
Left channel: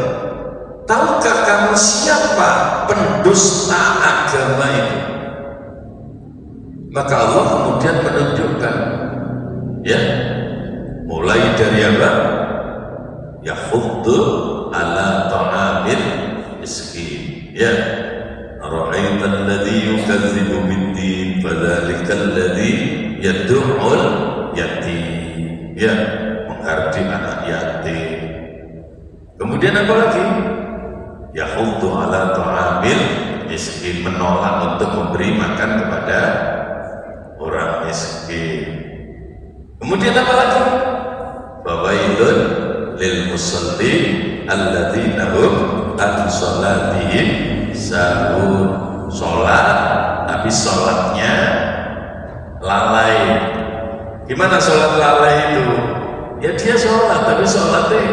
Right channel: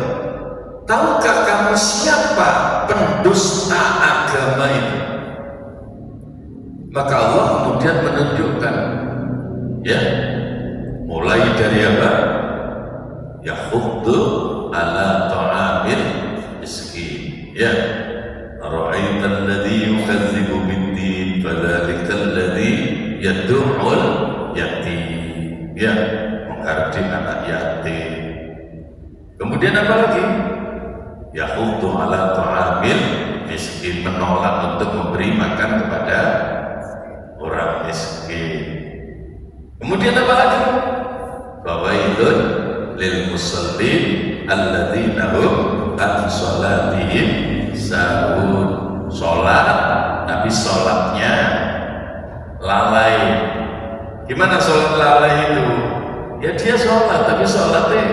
Tahukah kamu siapa pendusta agama itu? Maka Allah kemudian menunjukkan, ya, mulai dari apa? Yahuddu ala ta'amil miskin. Ya, ara'aital ladzi yukadzibu bid-din fadzalikal ladzi yad'ul yatim. Ya, menghardik anak yatim. Kemudian apa lagi? Yahuddu ala ta'amil miskin, menolak untuk memberi makan kepada orang miskin. Kemudian apa lagi? Fawailun lil musallin alladzina hum an salatihim sahun. Sholat tapi sholatnya lalai. Gimana sholat lalai itu? Ya dia sholat tapi sholatnya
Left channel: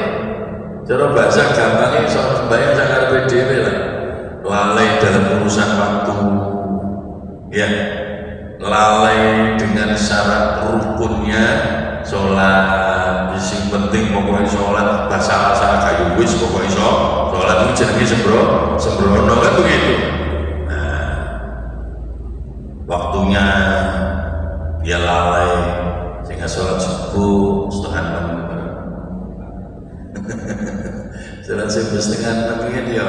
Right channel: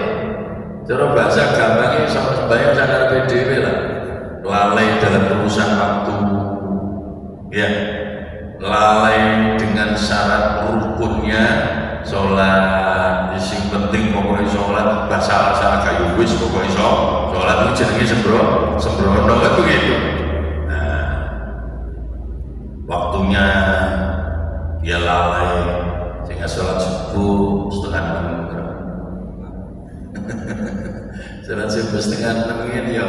cara bahasa gampangnya sembahyang jangan PDW lah. Lalai dalam urusan waktu, ya, lalai dengan syarat rukunnya sholat. Yang penting sholat basah kayu wis pokoknya sholat itu jenenge sembrono kan begitu. Nah, waktunya dia lalai sehingga sholat subuh setengah 6. Sholat subuh setengah 6 ini ya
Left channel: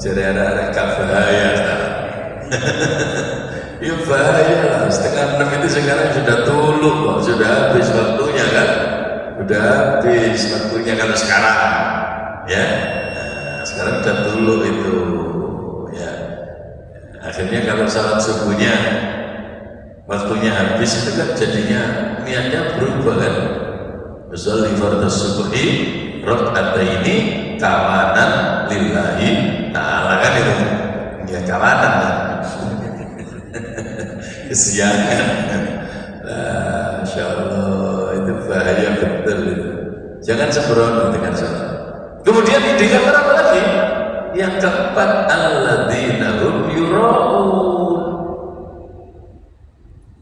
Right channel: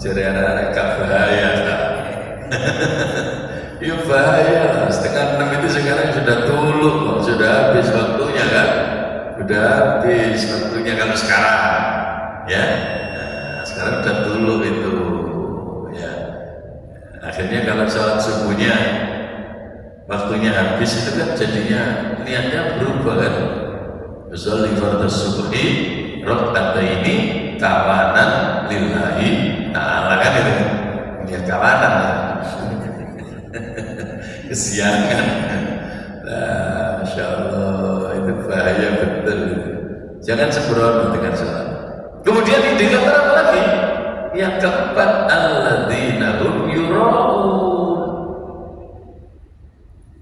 jadi arek-arek gak bahaya sekarang. Ya bahaya lah, setengah 6 itu sekarang sudah tuluk loh, sudah habis waktunya kan, sudah habis waktunya kalau sekarang ya. Nah, sekarang sudah tuluk itu ya. Akhirnya kalau sholat subuhnya waktunya habis itu kan jadinya niatnya berubah kan. Sholli fardhu subhi raka'ataini kamanan lillahi ta'ala kan itu. Ya kamanan. Kesiangan. Nah, Masya Allah itu bahaya betul. Jangan sembrono dengan sholat. Kemudian dilakukan apa lagi? Yang keempat, alladzina hum yura'un.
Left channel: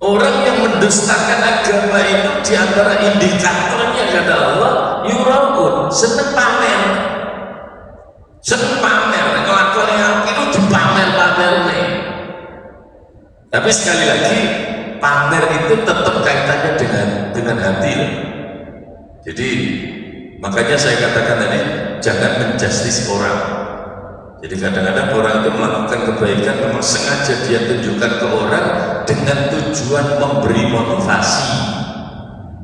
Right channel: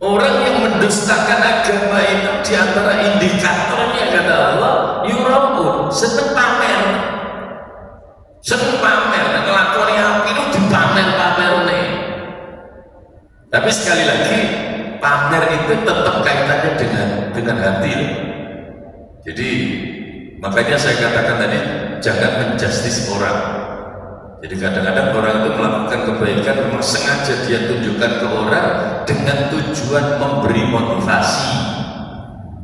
Orang yang mendustakan agama itu diantara indikatornya kata Allah yura'un, seneng pamer. Seneng pamer, ngelakoni apa itu dipamer-pamer nih. Tapi sekali lagi pamer itu tetap kaitannya dengan hati. Jadi makanya saya katakan tadi jangan menjustis orang. Jadi kadang-kadang orang itu melakukan kebaikan memang sengaja dia tunjukkan ke orang dengan tujuan memberi motivasi.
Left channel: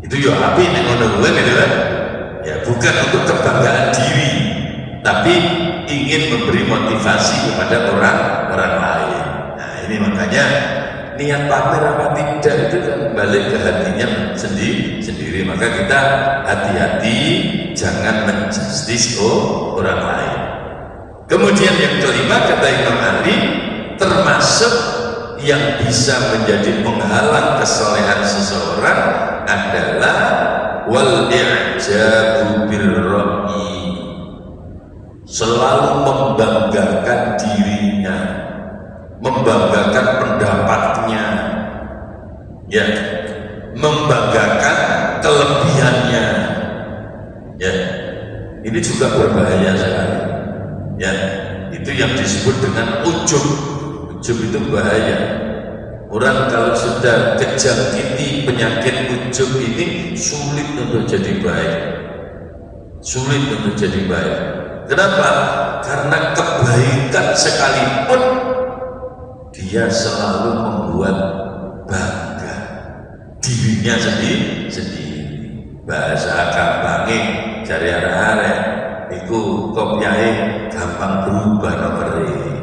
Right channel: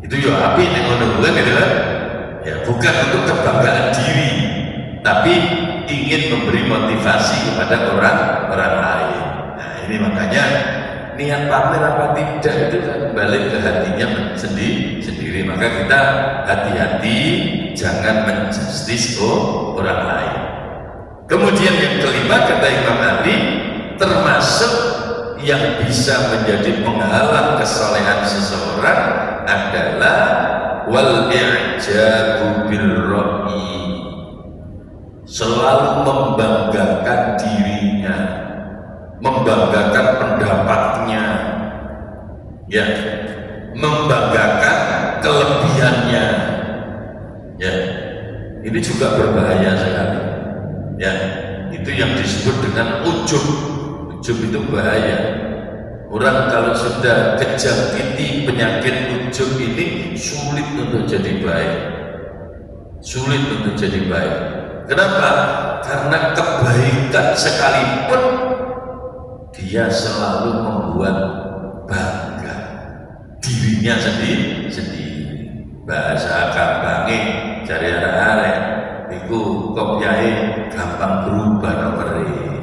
Itu ya api ekonomi gitu kan? Ya bukan untuk kebanggaan diri, tapi ingin memberi motivasi kepada orang lain. Nah ini makanya niat pamer apa tidak itu kan balik ke hatinya sendiri. Maka kita hati-hati jangan menjustis orang lain. Kemudian yang kelima kata Imam Ali, termasuk yang bisa menjadi penghalang kesolehan seseorang adalah wal i'jabu bil ra'i, selalu membanggakan dirinya, membanggakan pendapatnya, ya, membanggakan kelebihannya, ya, ini juga berbahaya sekali, ya, itu yang disebut dengan ujub. Ujub itu bahaya. Orang kalau sudah kejangkiti penyakit ujub ini sulit untuk jadi baik, sulit untuk jadi baik. Kenapa? Karena kebaikan sekalipun dia selalu membuat bangga dirinya sendiri. Bahasa gampangnya cari arek-arek iku kopyai gampang berubah nomere.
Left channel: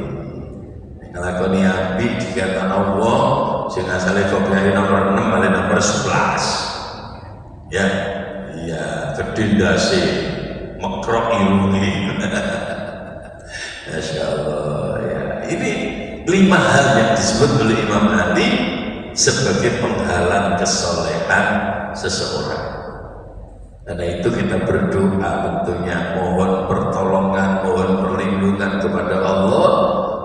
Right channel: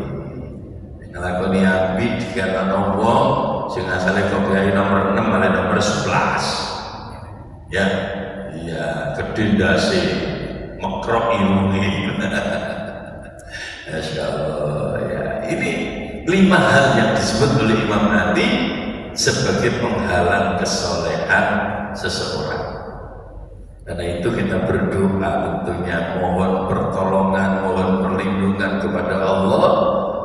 Ngelakoni api dikatakan Allah sing asale kopyai nomor 6 malah nomor 11. Ya, iya gede ndase mekrok irungi. Masya Allah ya. Ini 5 hal yang disebut oleh Imam Ali sebagai penghalang kesolehan seseorang. Karena itu kita berdoa tentunya mohon pertolongan, mohon perlindungan kepada Allah.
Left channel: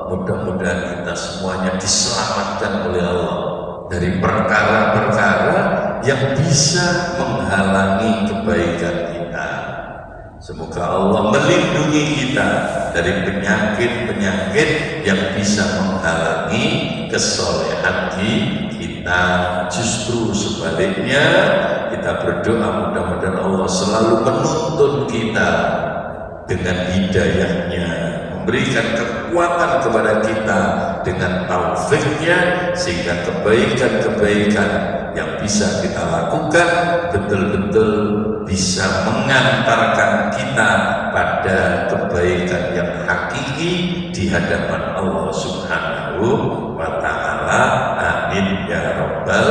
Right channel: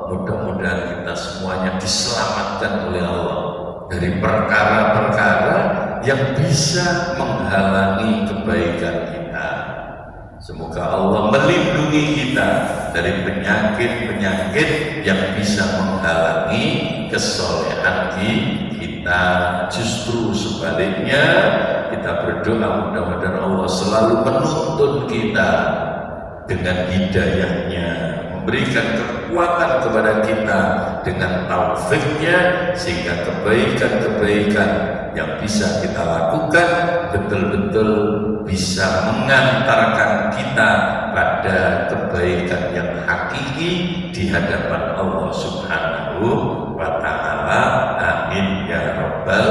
Mudah-mudahan kita semuanya diselamatkan oleh Allah dari perkara-perkara yang bisa menghalangi kebaikan kita. Semoga Allah melindungi kita dari penyakit-penyakit yang bisa menghalangi kesolehan kita. Justru sebaliknya kita berdoa mudah-mudahan Allah selalu menuntun kita dengan hidayahnya, memberikan kekuatan kepada kita dengan taufiknya, sehingga kebaikan-kebaikan yang bisa kita lakukan betul-betul bisa mengantarkan kita pada kebaikan yang hakiki di hadapan Allah Subhanahu wa Ta'ala. Amin ya Rabbal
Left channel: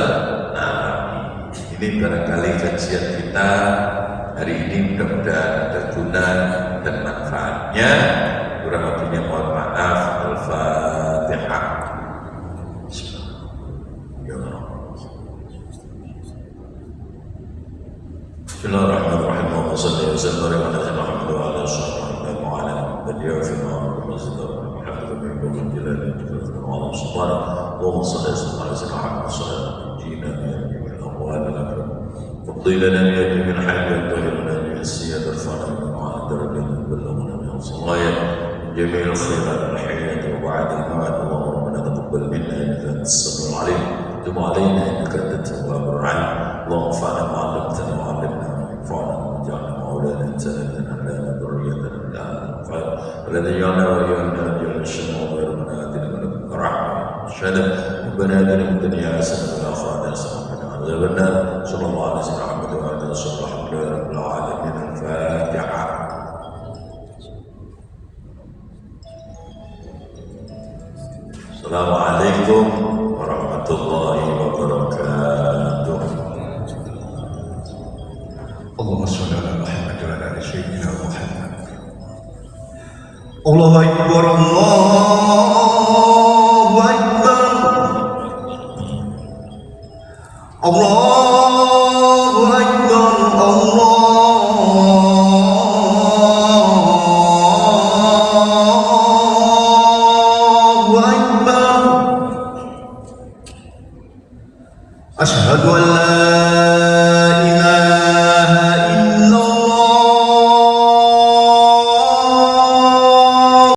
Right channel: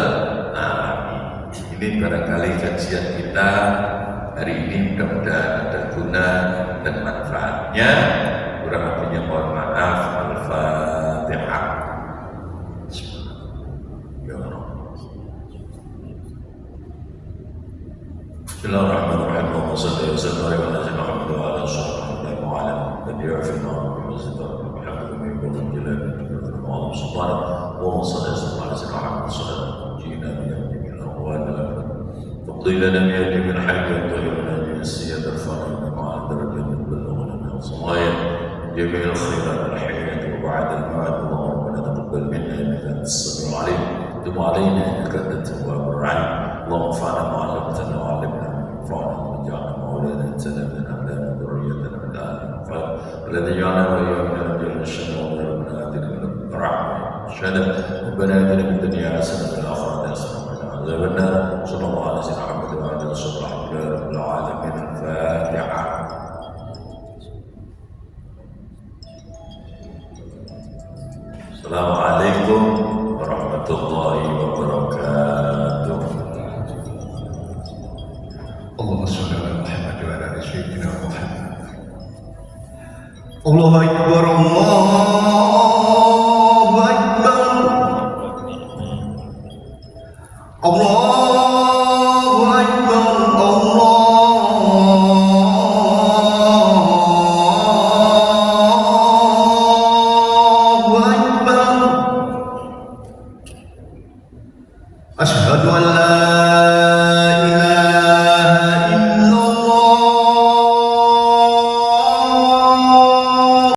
Alamin. Ini barangkali kajian kita hari ini mudah-mudahan ada guna dan manfaatnya. Kurang lebihnya mohon maaf. Al-Fatihah. Bismillahirrahmanirrahim. Wa sallallahu wa sallam ala sayyidina Muhammad wa ala alihi wa ala nabiyyina wa sallam. تقضي لنا بها جميع الحاجات وتطهرنا بها السيادة جميع الخيرات الحياة وبعد الموت. اللهم ربنا تقبل منا إنك أنت السميع العليم، تب علينا إنك أنت التواب الرحيم. اللهم انفعنا ما علمتنا وعلمنا ما ينفعنا واجعلنا مولانا سلمنا أهلنا ذريتنا من أهل الخير الذي جعلنا وإياهم من أجل الشر وغيرنا آتنا من لدنك رحمة شهادة ربنا آتنا في الدنيا حسنة وفي الآخرة حسنة وقنا عذاب النار. صلى الله على سيدنا محمد وعلى آله وصحبه الحمد لله رب العالمين. الفاتحة. السلام عليكم ورحمة الله وبركاته. اللهم صل على محمد وعلى ال سيدنا محمد. الله اكبر الله اكبر الله